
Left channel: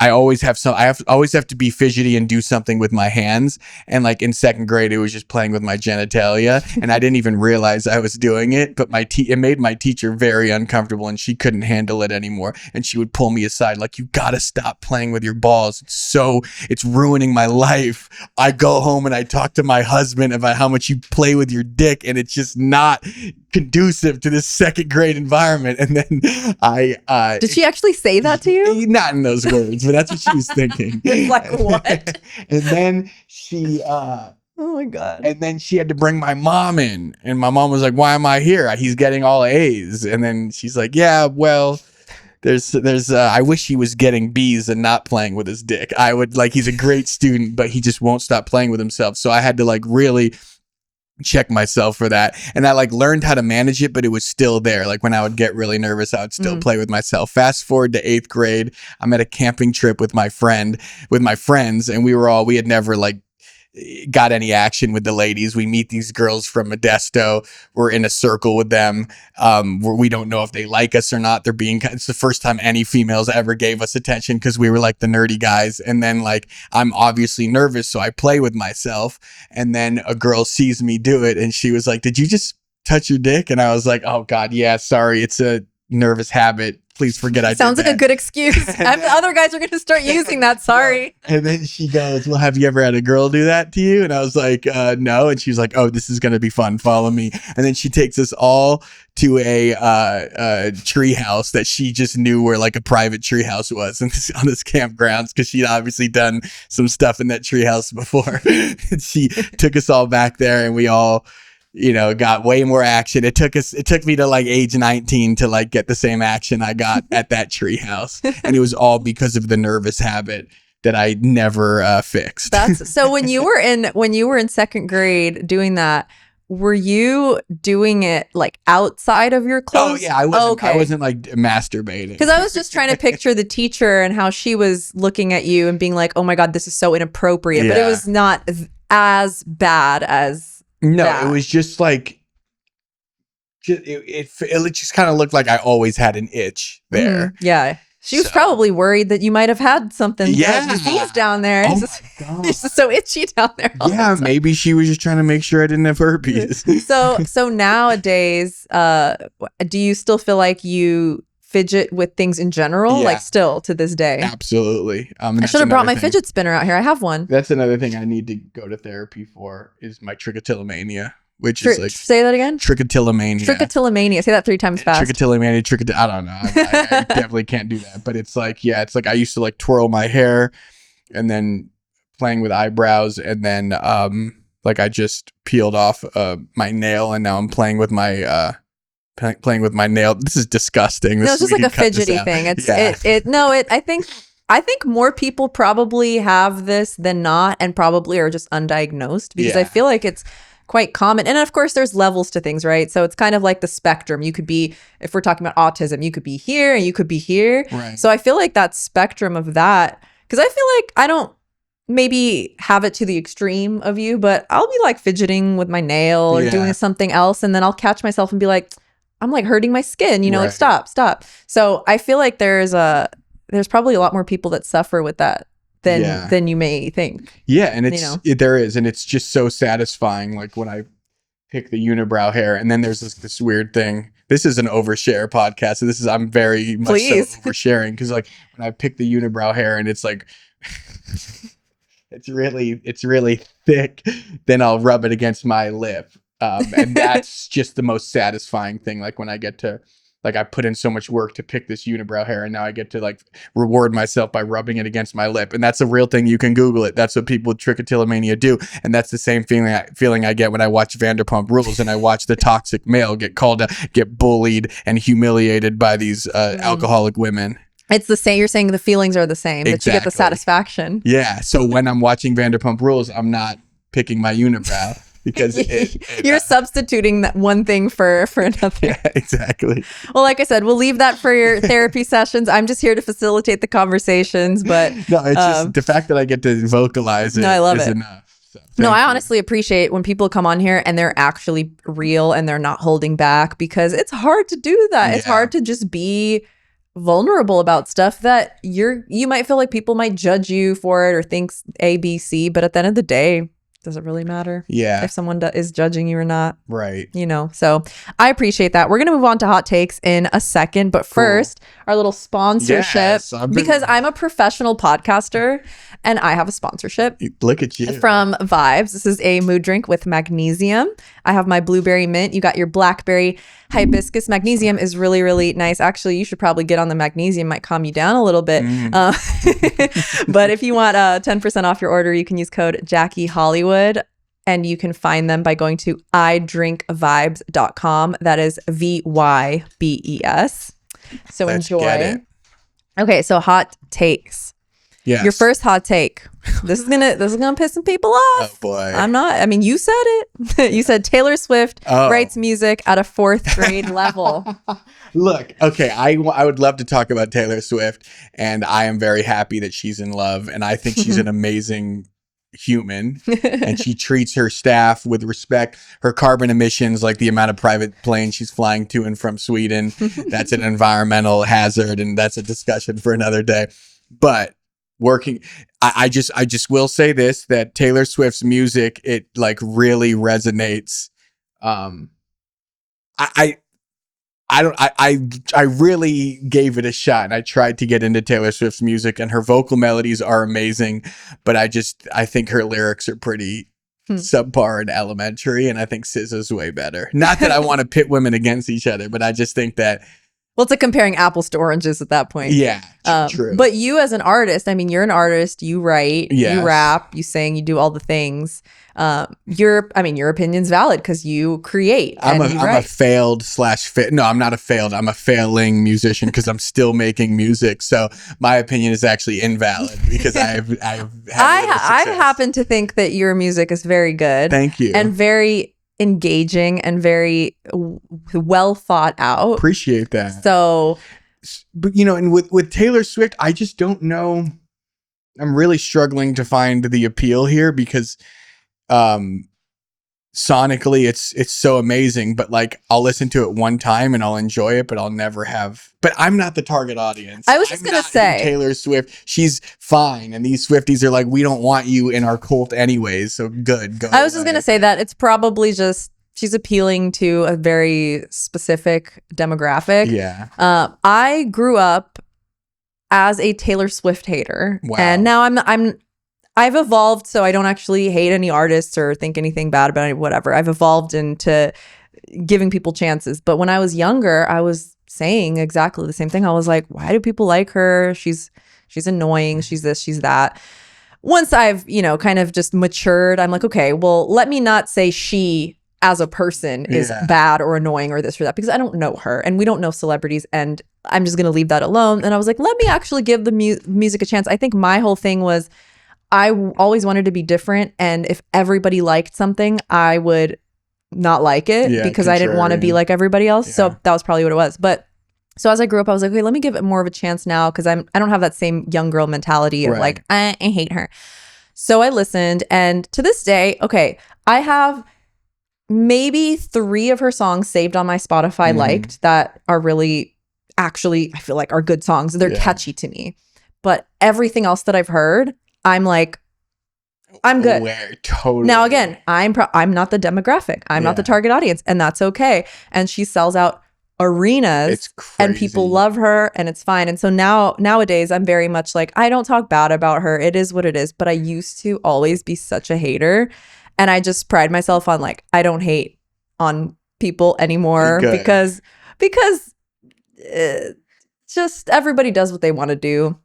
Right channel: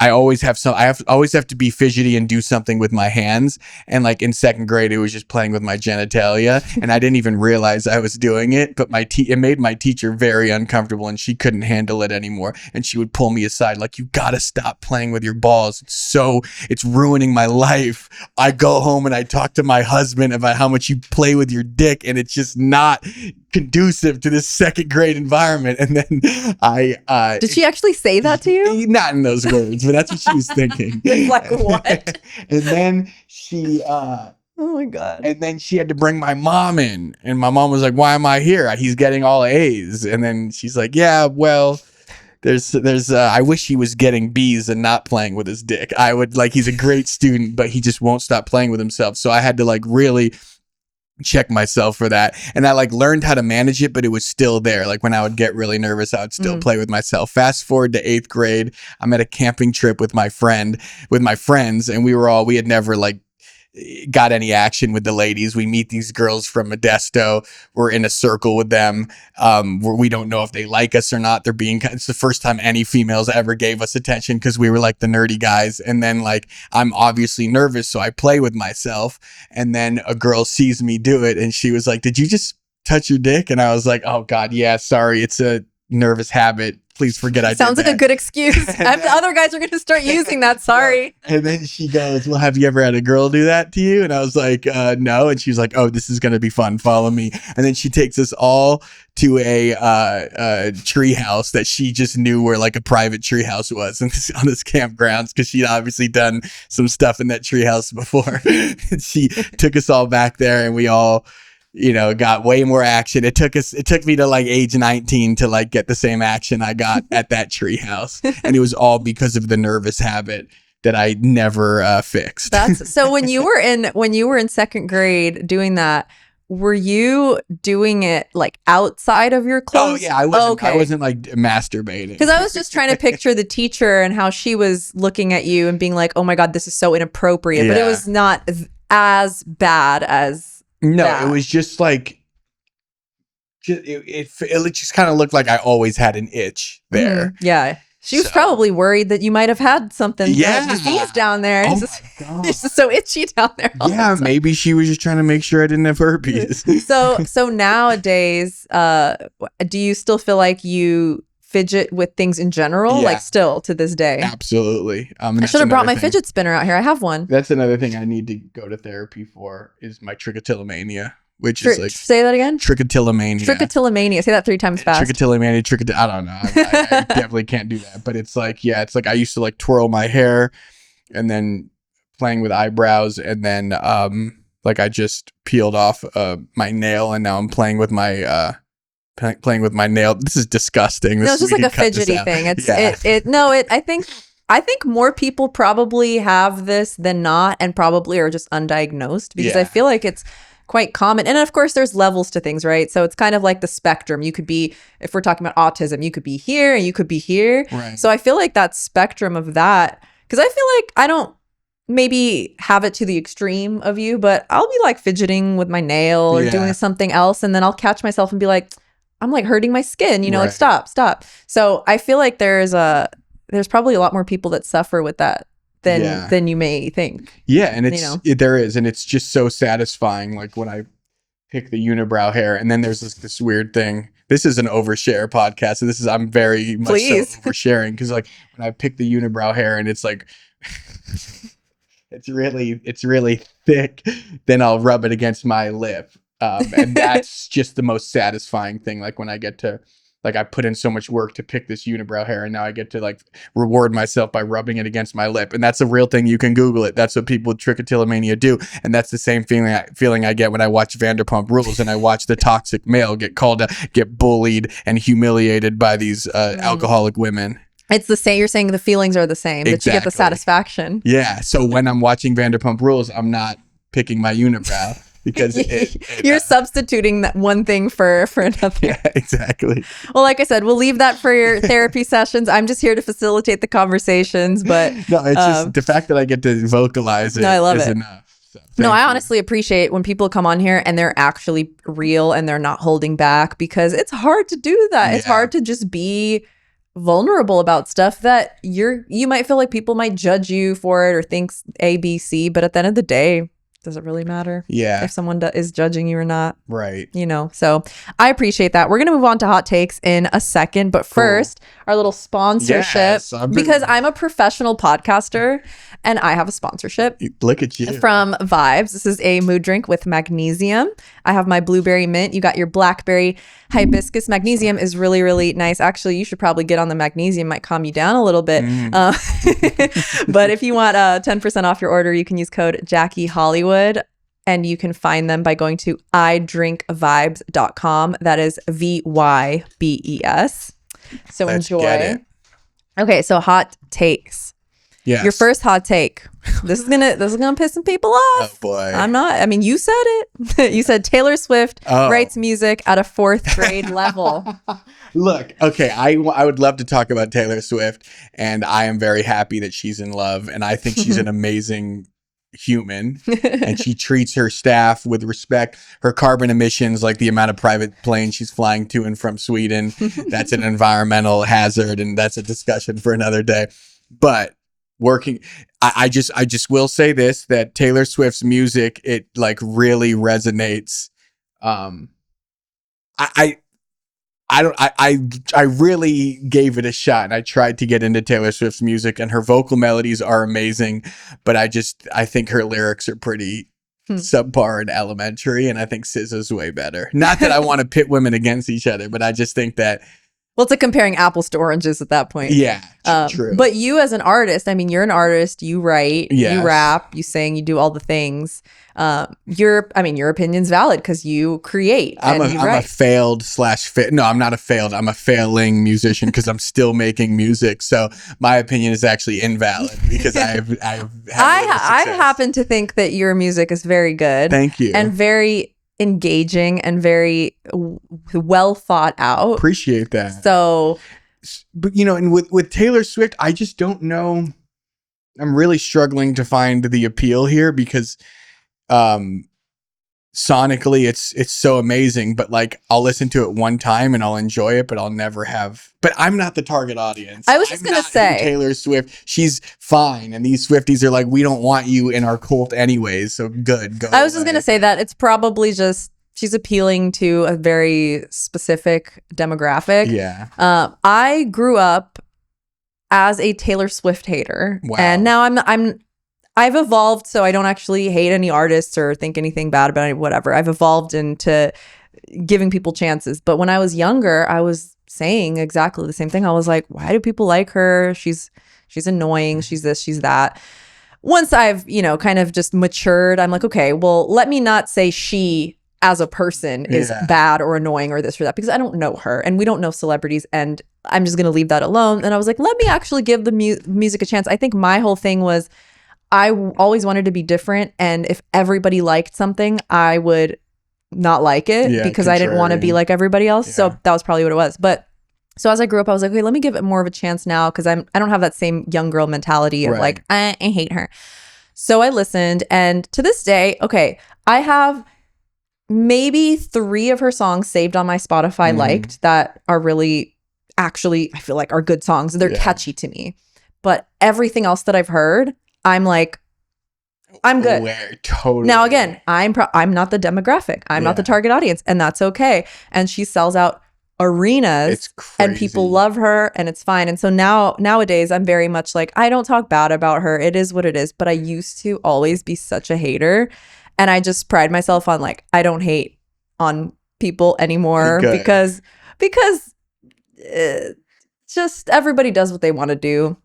I always have always have to be fidgety and do something with my hands. And like in 2nd grade, it was just playing with my genitalia, and I didn't even realize I was doing it. But it made my teacher very uncomfortable, and she couldn't handle it anymore. And she would pull me aside, like, you gotta stop playing with your balls. It's ruining my life. I go home and I talk to my husband about how much you play with your dick, and it's just not conducive to this 2nd grade environment. And then did she actually say that to you? Not in those words, but that's what she was thinking. Like, what? And then she oh my God. And then she had to bring my mom in, and my mom was like, why am I here? He's getting all A's. And then she's like, yeah, well, there's I wish he was getting B's and not playing with his dick. He's a great student, but he just won't stop playing with himself. So I had to like really check myself for that, and I like learned how to manage it, but it was still there. Like when I would get really nervous, I would still play with myself. Fast forward to 8th grade, I'm at a camping trip with my friends, and we had never like got any action with the ladies. We meet these girls from Modesto. We're in a circle with them. Where we don't know if they like us or not. It's the first time any females ever gave us attention because we were like the nerdy guys. And then like, I'm obviously nervous, so I play with myself. And then a girl sees me do it, and she was like, did you just touch your dick? And I was like, oh God, yeah, sorry. It's a nervous habit. Please forget I did that. Sounds like a good excuse. The other guys are going to start using that. Sorry. And then she goes, well, have you ever had a girl do that to you? And I was like, no. And she was like, oh, this is going to be fun. Follow me. And then she takes us all to a tree house that she just knew where like a private tree house was on this campgrounds, because she'd obviously done some stuff in that tree house before. And she took us all back there, and we all, got way more action. It took me to like age 19 to like get the same action I got at that treehouse. And it was all because of the nervous habit that I never fixed. So when you were in 2nd grade doing that, were you doing it like outside of your clothes? Oh yeah, I wasn't like masturbating. Because I was just trying to picture the teacher and how she was looking at you and being like, oh my God, this is so inappropriate. Yeah. But it was not as bad as No, that. It was just like it just kind of looked like I always had an itch there. Yeah. She was probably worried that you might have had something disease down there. Oh it's my God. It's just so itchy down there. Yeah, maybe she was just trying to make sure I didn't have herpes. So nowadays, do you still feel like you fidget with things in general? Yeah. Like still to this day? Absolutely. I should have brought my fidget spinner out here. I have one. That's another thing I need to go to therapy for is my trichotillomania. Which is like say that again. Trichotillomania. Trichotillomania. Say that 3 times fast. Trichotillomania. I don't know. I definitely can't do that. But it's like, yeah, it's like I used to like twirl my hair, and then playing with eyebrows, and then like I just peeled off my nail, and now I'm playing with my nail. This is disgusting. No, it's just like a fidgety thing. I think more people probably have this than not, and probably are just undiagnosed, because I feel like it's quite common. And of course there's levels to things, right? So it's kind of like the spectrum. You could be, if we're talking about autism, you could be here and you could be here. Right. So I feel like that spectrum of that, because I feel like I don't maybe have it to the extreme of you, but I'll be like fidgeting with my nail or doing something else, and then I'll catch myself and be like, I'm like hurting my skin, you know, like stop. So I feel like there's probably a lot more people that suffer with that than you may think. Yeah, and there is, and it's just so satisfying. Like when I pick the unibrow hair, and then there's this weird thing. This is an overshare podcast, so I'm very much so oversharing, because like when I pick the unibrow hair and it's like it's really thick, then I'll rub it against my lip, and that's just the most satisfying thing. Like when I get to, like, I put in so much work to pick this unibrow hair, and now I get to like reward myself by rubbing it against my lip. And that's a real thing. You can Google it. That's what people with trichotillomania do. And that's the same feeling I get when I watch Vanderpump Rules and I watch the toxic male get bullied and humiliated by these alcoholic women. It's the same. You're saying the feelings are the same, that you get the satisfaction. Yeah. So when I'm watching Vanderpump Rules, I'm not picking my unibrow. Because you're substituting that one thing for another. Yeah, exactly. Well, like I said, we'll leave that for your therapy sessions. I'm just here to facilitate the conversations, but no, it's just the fact that I get to vocalize it. I love it. Enough. So, no, I honestly appreciate when people come on here and they're actually real and they're not holding back, because it's hard to do that. Yeah. It's hard to just be vulnerable about stuff that you might feel like people might judge you for it or think A, B, C, but at the end of the day, does it really matter? Yeah. If someone is judging you or not. Right. You know, so I appreciate that. We're going to move on to hot takes in a second. But first, our little sponsorship. Yes, because I'm a professional podcaster and I have a sponsorship. Look at you. From Vibes. This is a mood drink with magnesium. I have my blueberry mint. You got your blackberry hibiscus. Magnesium is really, really nice. Actually, you should probably get on the magnesium. Might calm you down a little bit. But if you want 10% off your order, you can use code Jackie Hollywood. And you can find them by going to idrinkvibes.com. That is VYBES. So Let's enjoy. Get it. Okay, so hot takes. Yes. Your first hot take. This is gonna piss some people off. Oh boy. I'm not. I mean, you said it. You said Taylor Swift writes music at a 4th grade level. Look, okay, I would love to talk about Taylor Swift, and I am very happy that she's in love, and I think she's an amazing human, and she treats her staff with respect. Her carbon emissions, like the amount of private planes she's flying to and from Sweden, that's an environmental hazard, and that's a discussion for another day. But I just will say this, that Taylor Swift's music, it like really resonates. I really gave it a shot, and I tried to get into Taylor Swift's music, and her vocal melodies are amazing, but I think her lyrics are pretty subpar and elementary, and I think SZA's way better. Not that I want to pit women against each other, but I just think that, well, it's like comparing apples to oranges at that point. Yeah, true. But you as an artist, I mean, you're an artist, you write, you rap, you sing, you do all the things. Your opinion's valid because you create. I'm a failed / no, I'm not a failed. I'm a failing musician because I'm still making music. So my opinion is actually invalid because I happen to think that your music is very good. Thank you. And very engaging and very well thought out. Appreciate that. So, but you know, and with Taylor Swift, I just don't know. I'm really struggling to find the appeal here because sonically it's so amazing, but like I'll listen to it one time and I'll enjoy it, but I'll never have. But I'm not the target audience. I was just gonna say Taylor Swift, she's fine, and these Swifties are like, we don't want you in our cult anyways, so good, go. I was just gonna say that it's probably just she's appealing to a very specific demographic. Yeah. I grew up as a Taylor Swift hater, Wow. and now I've evolved, so I don't actually hate any artists or think anything bad about it, whatever. I've evolved into giving people chances. But when I was younger, I was saying exactly the same thing. I was like, why do people like her? She's annoying. She's this, she's that. Once I've, kind of just matured, I'm like, okay, well, let me not say she as a person is bad or annoying or this or that, because I don't know her and we don't know celebrities, and I'm just going to leave that alone. And I was like, let me actually give the music a chance. I think my whole thing was I always wanted to be different, and if everybody liked something, I would not like it because I didn't want to be like everybody else. Yeah. So that was probably what it was. But so as I grew up, I was like, okay, let me give it more of a chance now, because I don't have that same young girl mentality of like, I hate her. So I listened, and to this day, okay, I have maybe 3 of her songs saved on my Spotify liked that are really actually, I feel like, are good songs. They're catchy to me. But everything else that I've heard, I'm like, I'm good. Totally. Now, again, I'm not the demographic. I'm not the target audience, and that's okay. And she sells out arenas, and people love her, and it's fine. And so nowadays, I'm very much like, I don't talk bad about her. It is what it is. But I used to always be such a hater, and I just pride myself on like, I don't hate on people anymore because just everybody does what they want to do.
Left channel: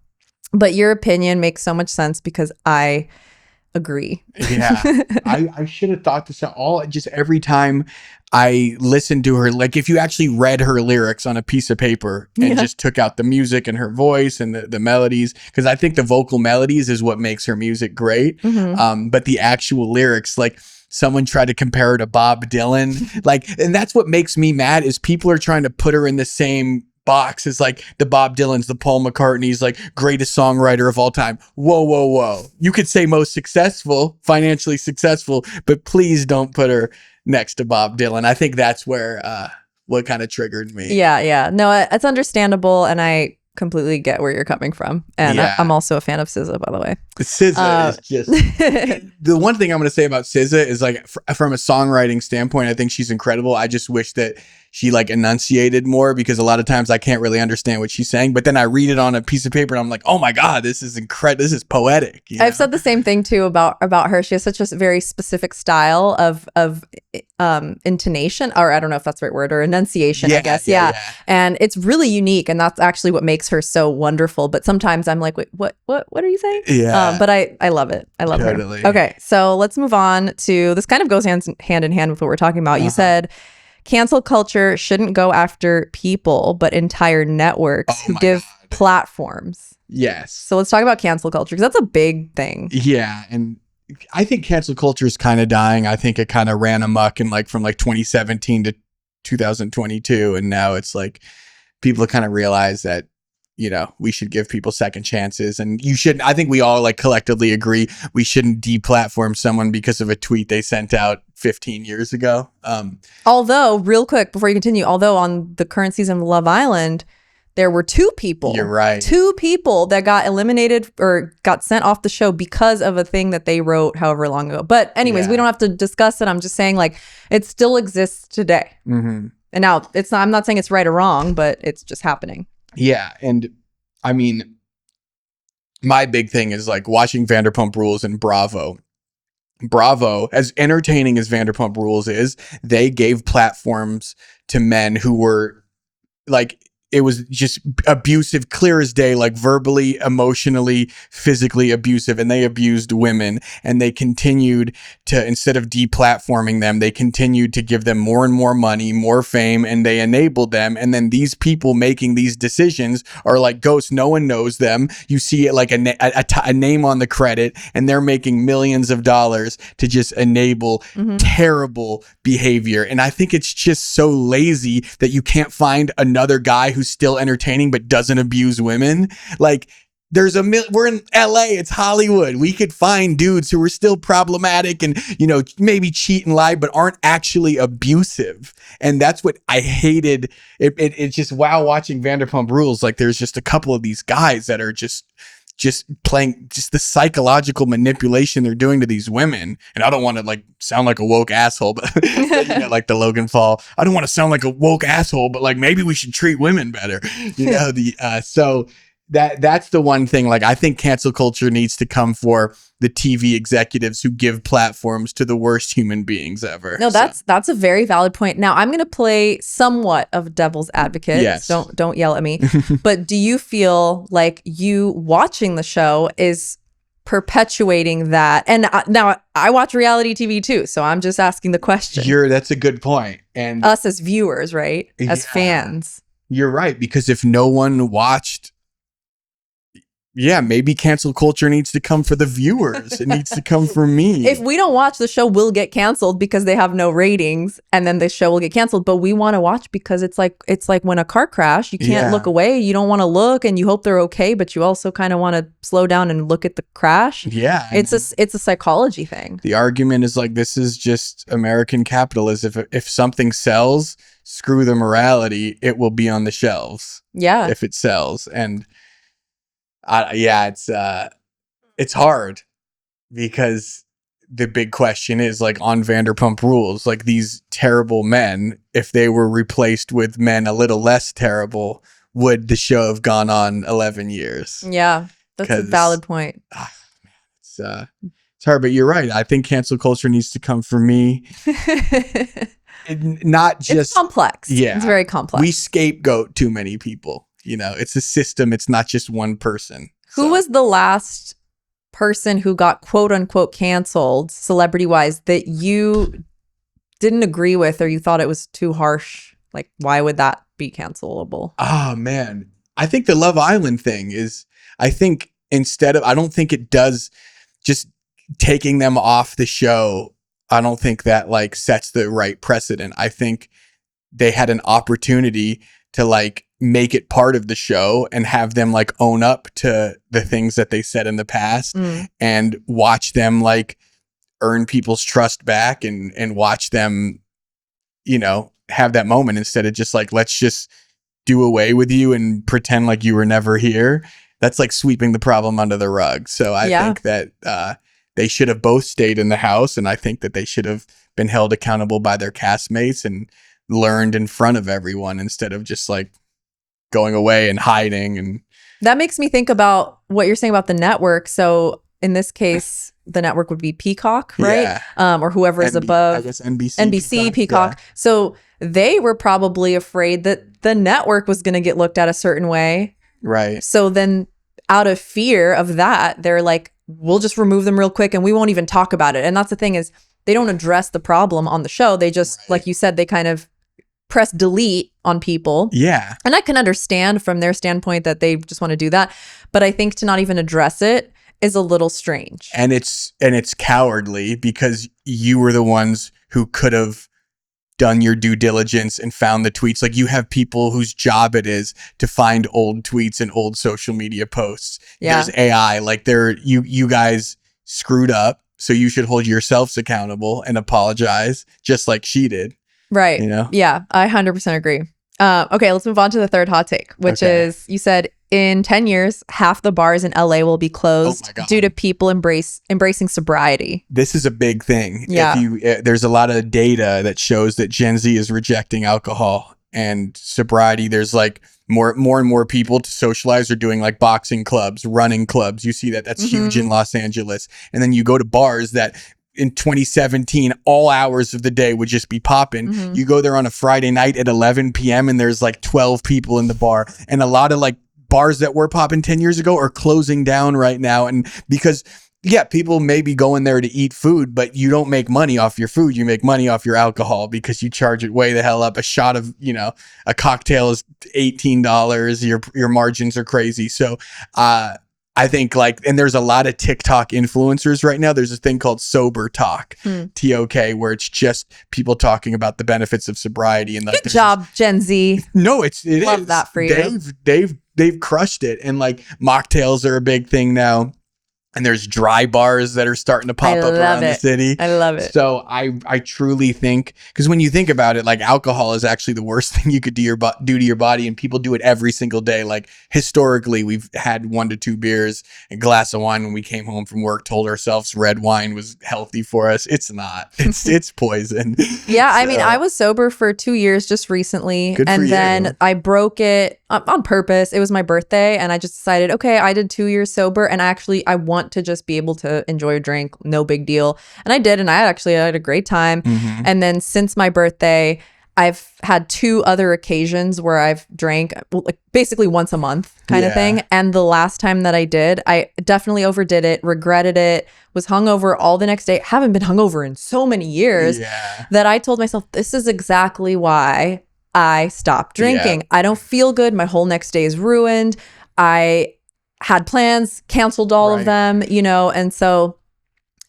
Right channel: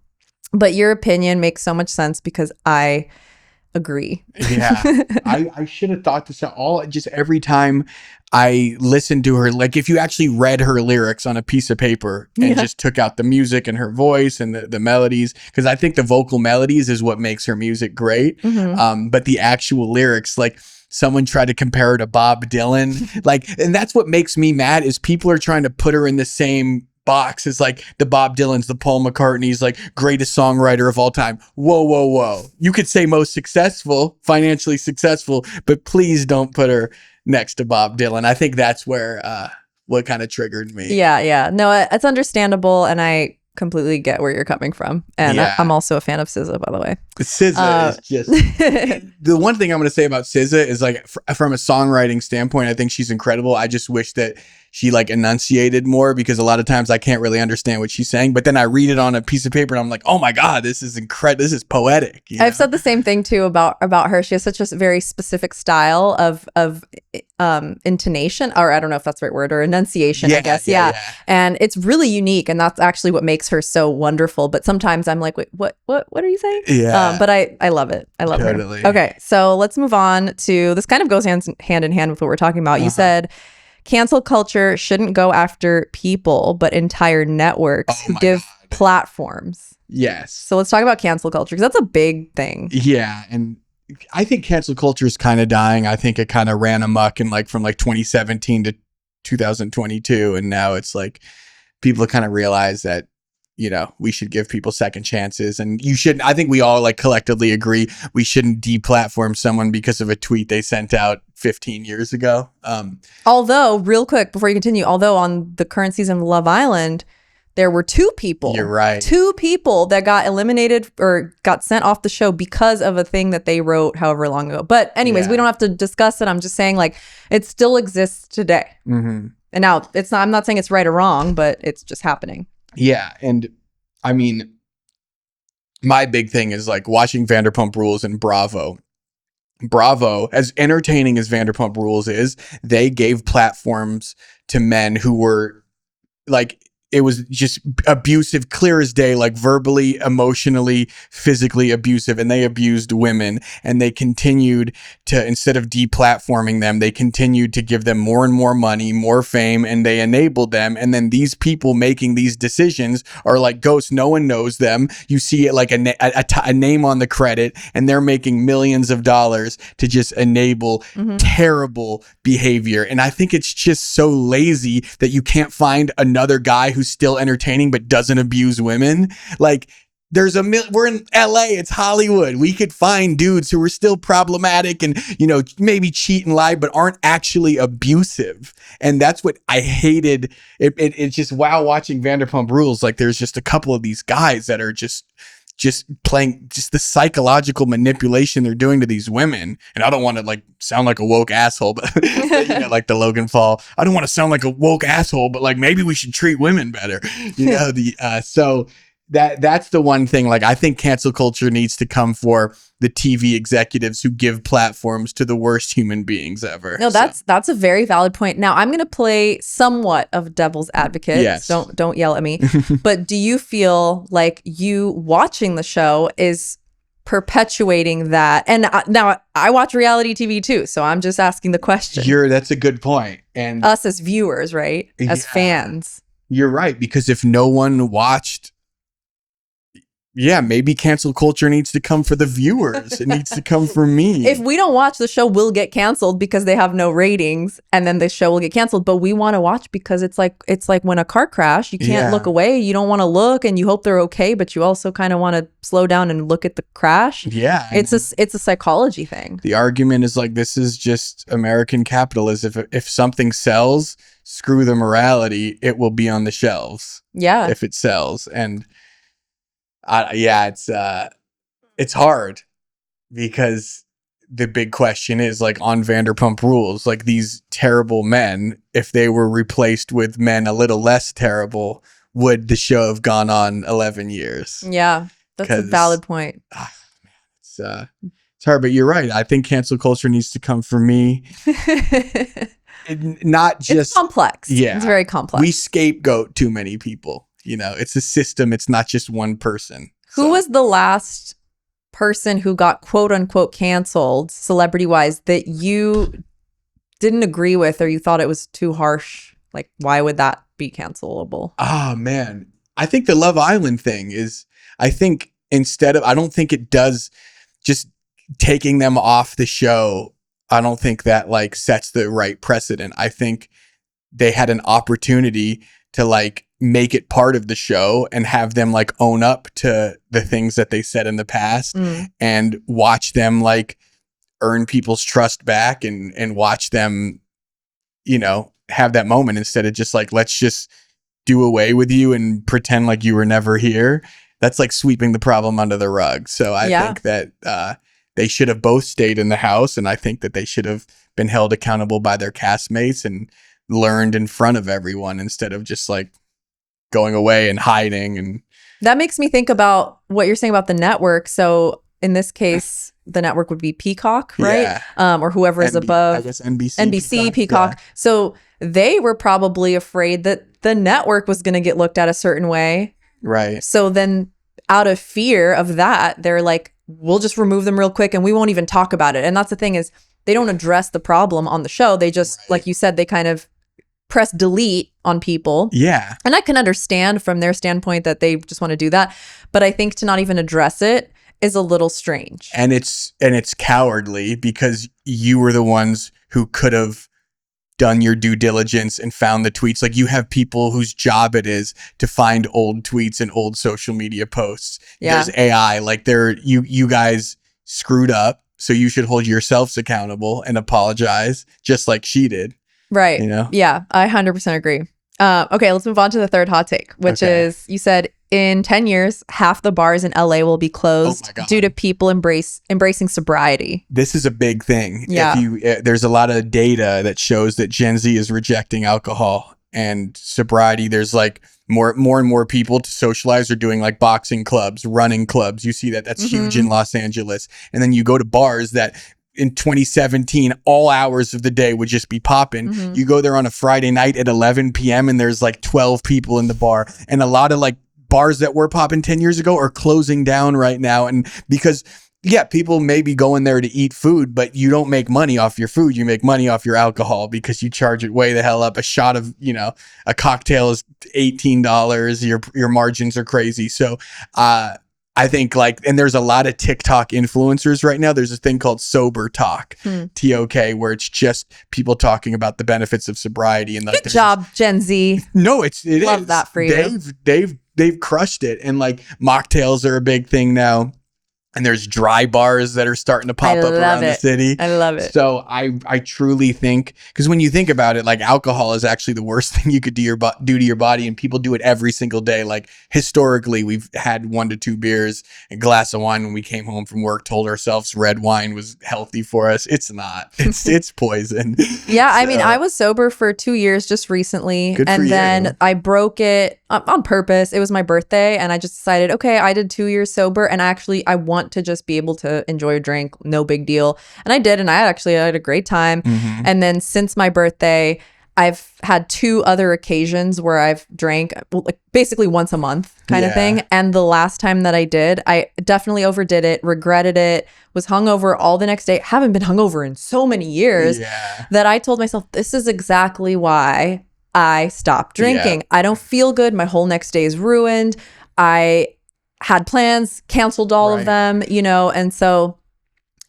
But your opinion makes so much sense because I agree. Yeah. I should have thought this out just every time I listened to her. Like if you actually read her lyrics on a piece of paper and just took out the music and her voice and the melodies, because I think the vocal melodies is what makes her music great. But the actual lyrics, like someone tried to compare her to Bob Dylan, like, and that's what makes me mad is people are trying to put her in the same box as like the Bob Dylans, the Paul McCartneys, like greatest songwriter of all time. Whoa. You could say most successful, financially successful, but please don't put her next to Bob Dylan. I think that's where what kind of triggered me. Yeah. No, it's understandable, and I completely get where you're coming from. And I'm also a fan of SZA, by the way. SZA is just the one thing I'm going to say about SZA is like from a songwriting standpoint, I think she's incredible. I just wish that she like enunciated more, because a lot of times I can't really understand what she's saying, but then I read it on a piece of paper and I'm like, oh my God, this is incredible. This is poetic. I've said the same thing too about her. She has such a very specific style of intonation, or I don't know if that's the right word, or enunciation, I guess. Yeah. And it's really unique, and that's actually what makes her so wonderful. But sometimes I'm like, wait, what are you saying? Yeah. But I love it. I love her. Okay. So let's move on to, this kind of goes hand in hand with what we're talking about. You said cancel culture shouldn't go after people, but entire networks who give platforms. Yes. So let's talk about cancel culture, because that's a big thing. Yeah. And I think cancel culture is kind of dying. I think it kind of ran amok in like from like 2017 to 2022. And now it's like people kind of realize that, we should give people second chances, and you shouldn't. I think we all like collectively agree we shouldn't deplatform someone because of a tweet they sent out 15 years ago. Although, real quick before you continue, on the current season of Love Island, there were 2 people. You're right. 2 people that got eliminated or got sent off the show because of a thing that they wrote however long ago. But anyways, we don't have to discuss it. I'm just saying, like, it still exists today. And now I'm not saying it's right or wrong, but it's just happening. Yeah. And I mean, my big thing is like watching Vanderpump Rules and Bravo, as entertaining as Vanderpump Rules is, they gave platforms to men who were like, it was just abusive, clear as day, like verbally, emotionally, physically abusive. And they abused women, and they continued to, instead of deplatforming them, they continued to give them more and more money, more fame, and they enabled them. And then these people making these decisions are like ghosts. No one knows them. You see it like a name on the credit, and they're making millions of dollars to just enable terrible behavior. And I think it's just so lazy that you can't find another guy who's still entertaining but doesn't abuse women. Like, we're in LA, it's Hollywood. We could find dudes who are still problematic and, you know, maybe cheat and lie, but aren't actually abusive. And that's what I hated. It's just, wow, watching Vanderpump Rules, like there's just a couple of these guys that are just playing just the psychological manipulation they're doing to these women. And I don't want to like sound like a woke asshole, but you know, like the Logan Paul, I don't want to sound like a woke asshole, but like maybe we should treat women better. You know, so that's the one thing. Like, I think cancel culture needs to come for the TV executives who give platforms to the worst human beings ever. No, that's a very valid point. Now, I'm going to play somewhat of devil's advocate. Yes. Don't yell at me. But do you feel like you watching the show is perpetuating that? And now I watch reality TV too, so I'm just asking the question. That's a good point. And us as viewers, right? As fans. You're right, because if no one watched, maybe cancel culture needs to come for the viewers. It needs to come for me. If we don't watch, the show will get canceled because they have no ratings, and then the show will get canceled. But we want to watch because it's like when a car crash, you can't look away. You don't want to look, and you hope they're okay, but you also kind of want to slow down and look at the crash. Yeah, it's a psychology thing. The argument is like, this is just American capitalism. If something sells, screw the morality. It will be on the shelves. Yeah, if it sells. And it's hard, because the big question is, like, on Vanderpump Rules, like, these terrible men, if they were replaced with men a little less terrible, would the show have gone on 11 years? Yeah, that's a valid point. It's hard, but you're right. I think cancel culture needs to come for me. Not just, it's complex. Yeah, it's very complex. We scapegoat too many people. You know, it's a system. It's not just one person. Who was the last person who got quote unquote canceled, celebrity wise, that you didn't agree with, or you thought it was too harsh? Like, why would that be cancelable? Oh, man. I think the Love Island thing is, I think I don't think it does, just taking them off the show, I don't think that like sets the right precedent. I think they had an opportunity to like make it part of the show and have them like own up to the things that they said in the past, and watch them like earn people's trust back, and watch them, you know, have that moment, instead of just like, let's just do away with you and pretend like you were never here. That's like sweeping the problem under the rug. So I think that they should have both stayed in the house, and I think that they should have been held accountable by their castmates and learned in front of everyone, instead of just like going away and hiding. And that makes me think about what you're saying about the network. So in this case, the network would be Peacock, right? Or whoever is above. I guess NBC, Peacock. Yeah. So they were probably afraid that the network was going to get looked at a certain way. Right. So then out of fear of that, they're like, we'll just remove them real quick and we won't even talk about it. And that's the thing, is they don't address the problem on the show. They just, like you said, they kind of press delete on people. Yeah. And I can understand from their standpoint that they just want to do that. But I think to not even address it is a little strange. And it's cowardly, because you were the ones who could have done your due diligence and found the tweets. Like, you have people whose job it is to find old tweets and old social media posts. Yeah. There's AI. Like, you guys screwed up, so you should hold yourselves accountable and apologize, just like she did. Right. You know? Yeah, I 100% agree. Okay, let's move on to the third hot take, which is, you said in 10 years, half the bars in LA will be closed due to people embracing sobriety. This is a big thing. Yeah. There's a lot of data that shows that Gen Z is rejecting alcohol and sobriety. There's like more and more people to socialize are doing like boxing clubs, running clubs. You see that's huge in Los Angeles. And then you go to bars that in 2017, all hours of the day would just be popping. You go there on a Friday night at 11 p.m. and there's like 12 people in the bar. And a lot of like bars that were popping 10 years ago are closing down right now. And because, people may be going there to eat food, but you don't make money off your food. You make money off your alcohol, because you charge it way the hell up. A shot of, a cocktail is $18. Your margins are crazy. So, I think and there's a lot of TikTok influencers right now. There's a thing called Sober Talk, TOK, where it's just people talking about the benefits of sobriety. And good job, Gen Z. No, it love is. That for you. They've they've crushed it. And like mocktails are a big thing now. And there's dry bars that are starting to pop up around the city. I love it. So I truly think, because when you think about it, like alcohol is actually the worst thing you could do to your body, and people do it every single day. Like historically, we've had 1 to 2 beers, a glass of wine when we came home from work, told ourselves red wine was healthy for us. It's not. It's poison. Yeah, I mean, I was sober for 2 years just recently, and then I broke it on purpose. It was my birthday, and I just decided, okay, I did 2 years sober, and I want to just be able to enjoy a drink, no big deal. And I did, and I had a great time. Mm-hmm. And then since my birthday, I've had 2 other occasions where I've drank like basically once a month kind of thing. And the last time that I did, I definitely overdid it, regretted it, was hungover all the next day. Haven't been hungover in so many years that I told myself, this is exactly why I stopped drinking. I don't feel good. My whole next day is ruined. I had plans, canceled all of them, and so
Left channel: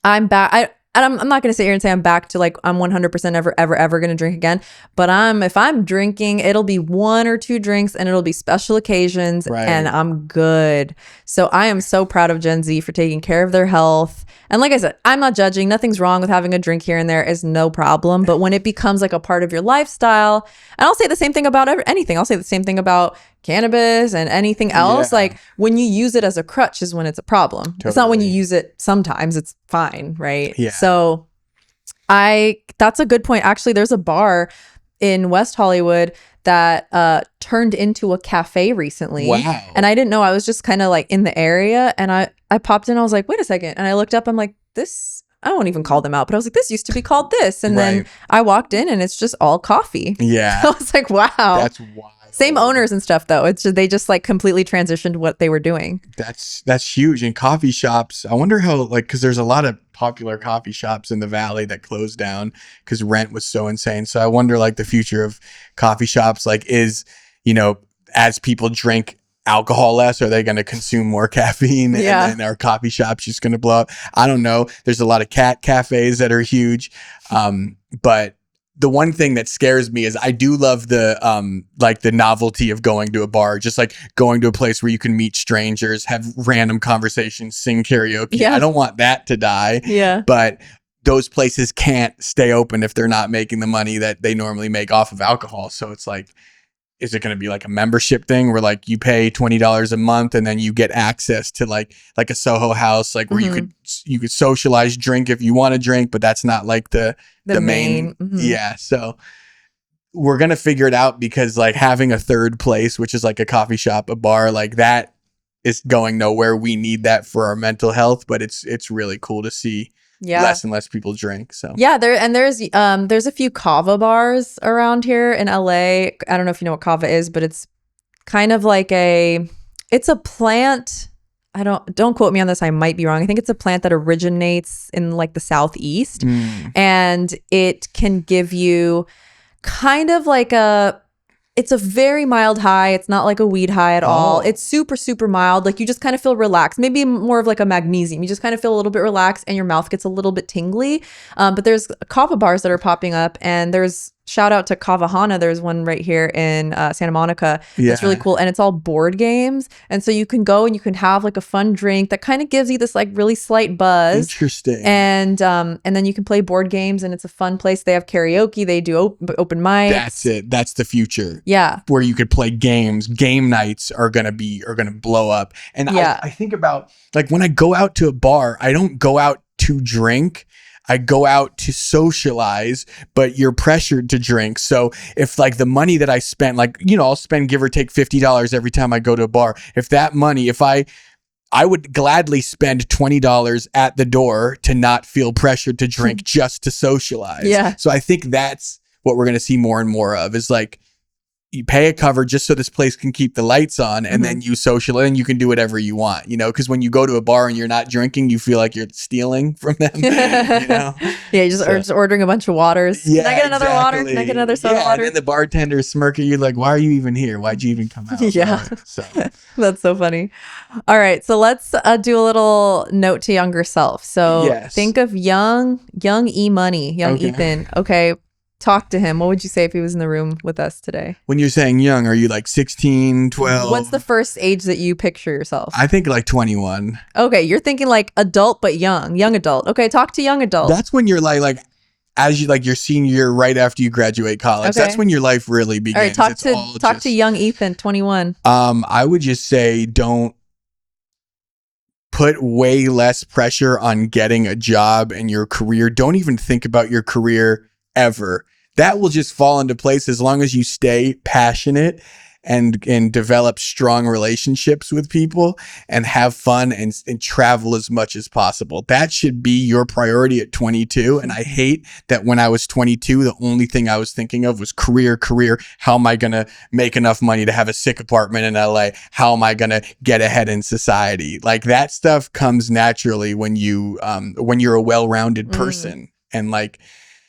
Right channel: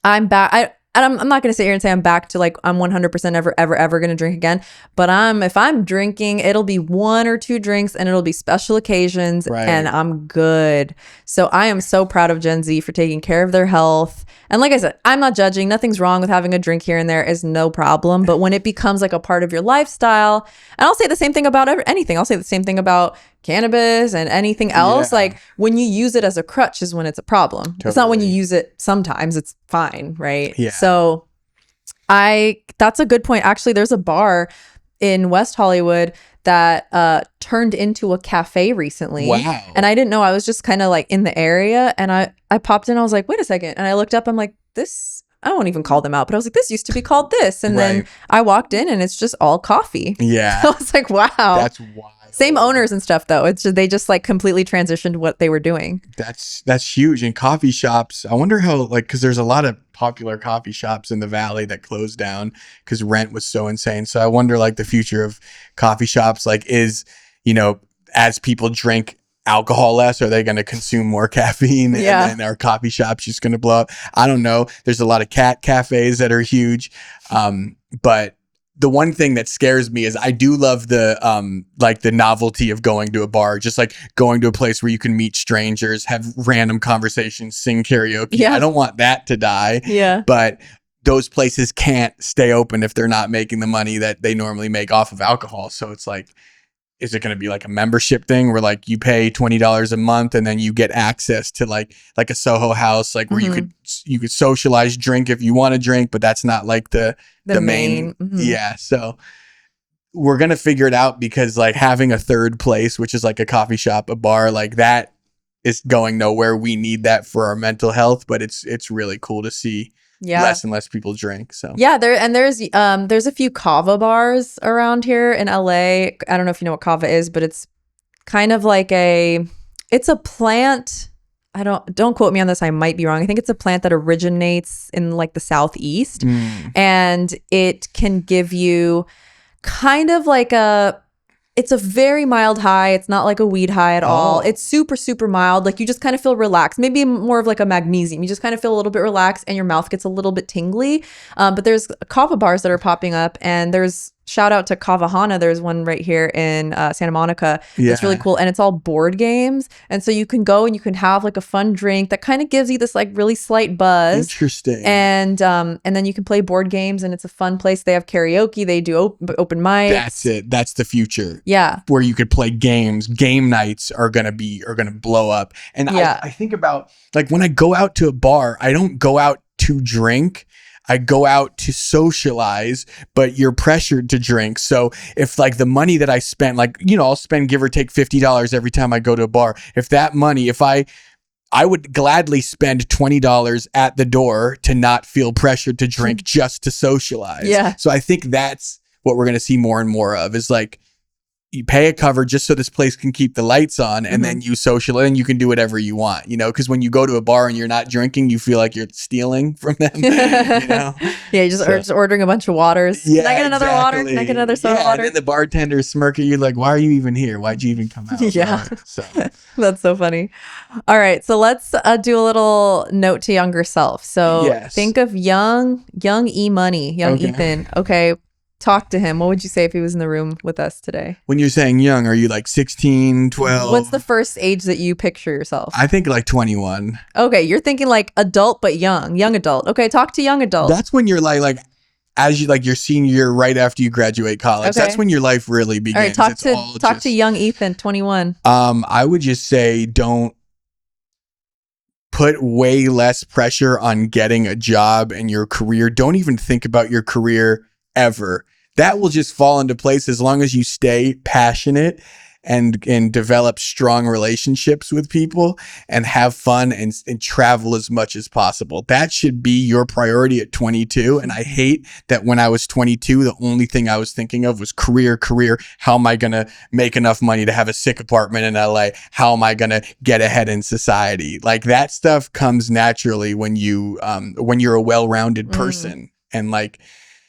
I'm back. I'm not going to sit here and say I'm back to like I'm 100% ever going to drink again. But if I'm drinking, it'll be 1 or 2 drinks, and it'll be special occasions, and I'm good. So I am so proud of Gen Z for taking care of their health. And like I said, I'm not judging. Nothing's wrong with having a drink here and there, is no problem. But when it becomes like a part of your lifestyle, and I'll say the same thing about anything. I'll say the same thing about cannabis and anything else. Like when you use it as a crutch is when it's a problem. It's not when you use it sometimes. It's fine, right? So that's a good point. Actually, there's a bar in West Hollywood that turned into a cafe recently. Wow. And I didn't know. I was just kind of like in the area, and I popped in. I was like, wait a second. And I looked up. I'm like, this, I won't even call them out, but I was like, this used to be called this. And then I walked in, and it's just all coffee. Yeah. I was like, wow. That's wild. Same owners and stuff though. It's just, they just like completely transitioned what they were doing. That's huge. And coffee shops, I wonder how, like, because there's a lot of popular coffee shops in the valley that closed down because rent was so insane. So I wonder like the future of coffee shops, like, is, as people drink alcohol less, are they going to consume more caffeine? And then our coffee shops just going to blow up? I don't know. There's a lot of cat cafes that are huge. But the one thing that scares me is I do love the like the novelty of going to a bar, just like going to a place where you can meet strangers, have random conversations, sing karaoke. I don't want that to die. But those places can't stay open if they're not making the money that they normally make off of alcohol. So it's like, is it going to be like a membership thing where like you pay $20 a month and then you get access to like a Soho House, like where you could socialize, drink if you want to drink, but that's not like the main. Yeah. So we're going to figure it out, because like having a third place, which is like a coffee shop, a bar, like that is going nowhere. We need that for our mental health, but it's really cool to see less and less people drink. So there's a few kava bars around here in LA. I don't know if you know what kava is, but it's kind of like it's a plant. Don't quote me on this. I might be wrong. I think it's a plant that originates in like the Southeast, and it can give you kind of like it's a very mild high. It's not like a weed high at all. It's super, super mild. Like you just kind of feel relaxed. Maybe more of like a magnesium. You just kind of feel a little bit relaxed, and your mouth gets a little bit tingly. But there's kava bars that are popping up, and there's shout out to Kavahana. There's one right here in Santa Monica. It's really cool. And it's all board games. And so you can go and you can have like a fun drink that kind of gives you this like really slight buzz. Interesting. And then you can play board games, and it's a fun place. They have karaoke. They do open mics. That's it. That's the future. Yeah. Where you could play games. Game nights are going to blow up. And I think about like when I go out to a bar, I don't go out to drink. I go out to socialize, but you're pressured to drink. So if like the money that I spent, like, I'll spend give or take $50 every time I go to a bar. If that money, if I would gladly spend $20 at the door to not feel pressured to drink, just to socialize. Yeah. So I think that's what we're going to see more and more of, is like, you pay a cover just so this place can keep the lights on, and then you social, and you can do whatever you want, because when you go to a bar and you're not drinking, you feel like you're stealing from them. Yeah, you're just ordering a bunch of waters. Yeah, can I get another water? Can I get another soda water? And then the bartender smirk at you like, why are you even here? Why'd you even come out? Yeah. So that's so funny. All right, so let's do a little note to younger self. So think of young EMoney, young Ethan. Okay. talk to him, what would you say if he was in the room with us today? When you're saying young, are you like 16, 12? What's the first age that you picture yourself? I think like 21. Okay, you're thinking like adult but young adult. Okay, talk to young adult. That's when you're like as you like your senior year, right after you graduate college. Okay. That's when your life really begins. All right, talk to young Ethan, 21. I would just say don't put way less pressure on getting a job and your career. Don't even think about your career ever. That will just fall into place as long as you stay passionate and develop strong relationships with people and have fun and travel as much as possible. That should be your priority at 22. And I hate that when I was 22, the only thing I was thinking of was career. How am I going to make enough money to have a sick apartment in LA? How am I going to get ahead in society? Like that stuff comes naturally when you're a well-rounded person. And like,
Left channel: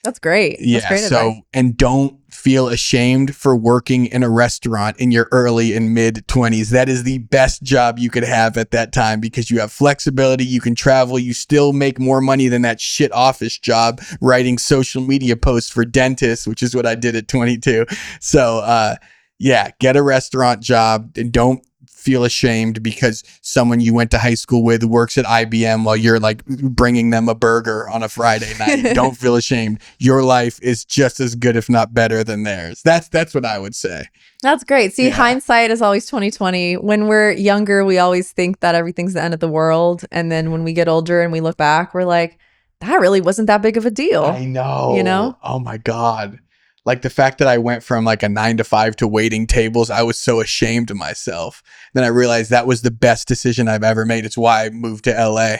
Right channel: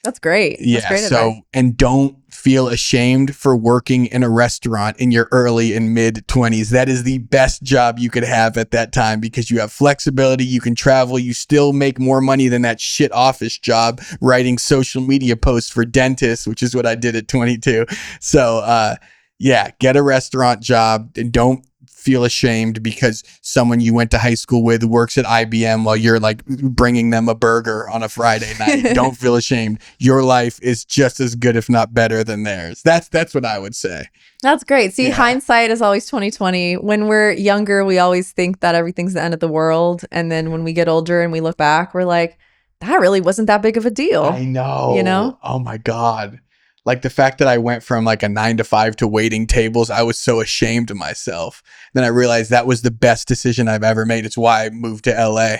that's great. That's great advice. And don't feel ashamed for working in a restaurant in your early and mid 20s. That is the best job you could have at that time because you have flexibility, you can travel, you still make more money than that shit office job writing social media posts for dentists, which is what I did at 22. So, get a restaurant job and don't feel ashamed because someone you went to high school with works at IBM while you're like bringing them a burger on a Friday night. Don't feel ashamed. Your life is just as good, if not better than theirs. That's what I would say. That's great. See, hindsight is always 2020. When we're younger, we always think that everything's the end of the world. And then when we get older and we look back, we're like, that really wasn't that big of a deal. I know. You know? Oh my God. Like the fact that I went from like a 9 to 5 to waiting tables, I was so ashamed of myself. Then I realized that was the best decision I've ever made. It's why I moved to LA.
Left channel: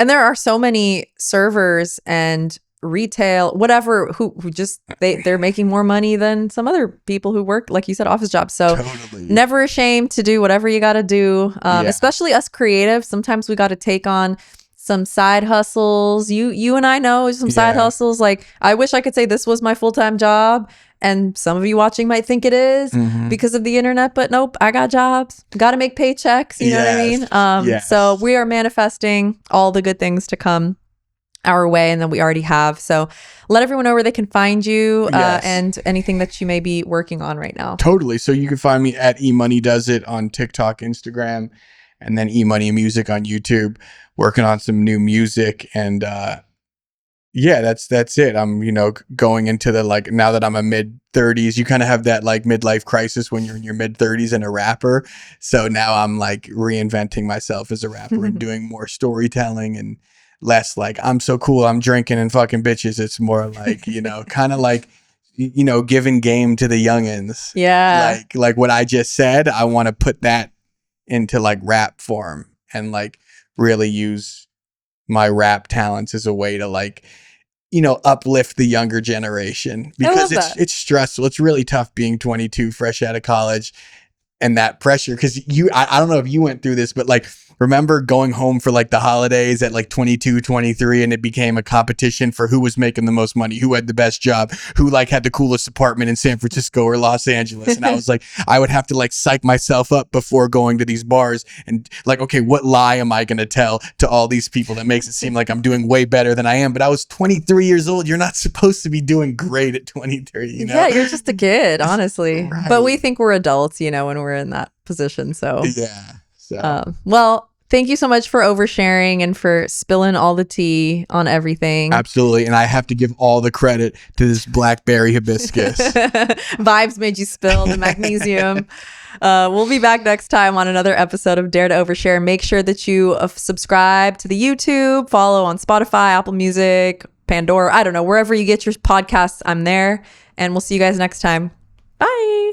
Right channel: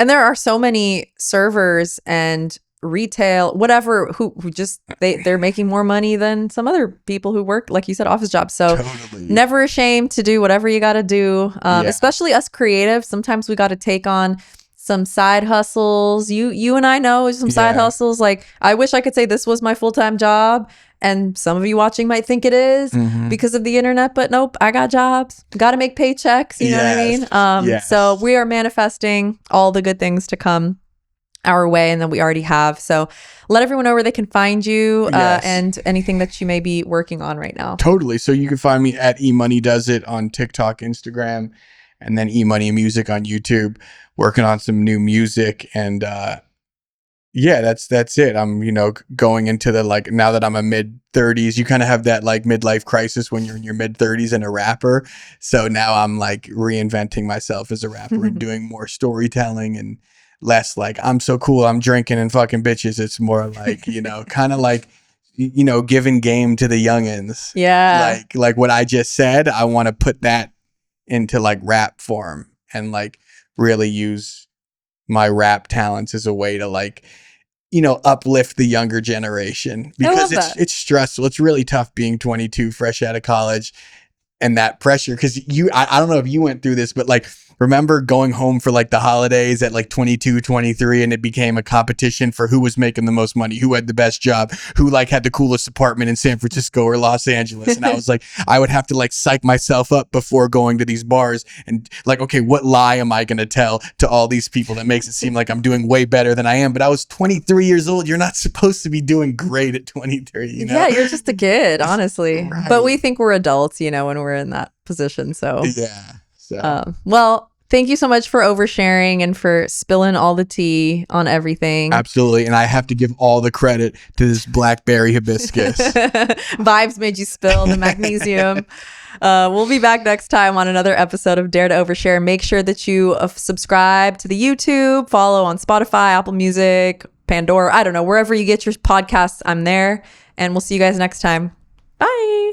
And there are so many servers and retail, whatever, who just, they're making more money than some other people who work, like you said, office jobs. So never ashamed to do whatever you got to do. Especially us creatives. Sometimes we got to take on some side hustles. You and I know some side hustles. Like, I wish I could say this was my full-time job. And some of you watching might think it is because of the internet, but nope, I got jobs. Got to make paychecks. You know what I mean? So we are manifesting all the good things to come our way, and then we already have. So let everyone know where they can find you and anything that you may be working on right now. Totally. So you can find me at EMoney Does It on TikTok, Instagram, and then EMoney Music on YouTube. Working on some new music, and that's it. I'm going into the, like, now that I'm a mid-30s, you kind of have that like midlife crisis when you're in your mid-30s and a rapper. So now I'm like reinventing myself as a rapper and doing more storytelling and less like I'm so cool, I'm drinking and fucking bitches. It's more like kind of like giving game to the youngins. Yeah, like what I just said. I want to put that into like rap form and like really use my rap talents as a way to like, uplift the younger generation, because it's stressful. It's really tough being 22, fresh out of college, and that pressure. Cause I don't know if you went through this, but like, remember going home for like the holidays at like 22, 23, and it became a competition for who was making the most money, who had the best job, who like had the coolest apartment in San Francisco or Los Angeles. And I was like, I would have to like psych myself up before going to these bars and like, okay, what lie am I going to tell to all these people that makes it seem like I'm doing way better than I am? But I was 23 years old. You're not supposed to be doing great at 23, Yeah, you're just a kid, honestly. Right. But we think we're adults, when we're in that position. So yeah. So. Well, thank you so much for oversharing and for spilling all the tea on everything. Absolutely. And I have to give all the credit to this blackberry hibiscus. Vibes made you spill the magnesium. We'll be back next time on another episode of Dare to Overshare. Make sure that you subscribe to the YouTube, follow on Spotify, Apple Music, Pandora. I don't know, wherever you get your podcasts, I'm there. And we'll see you guys next time. Bye.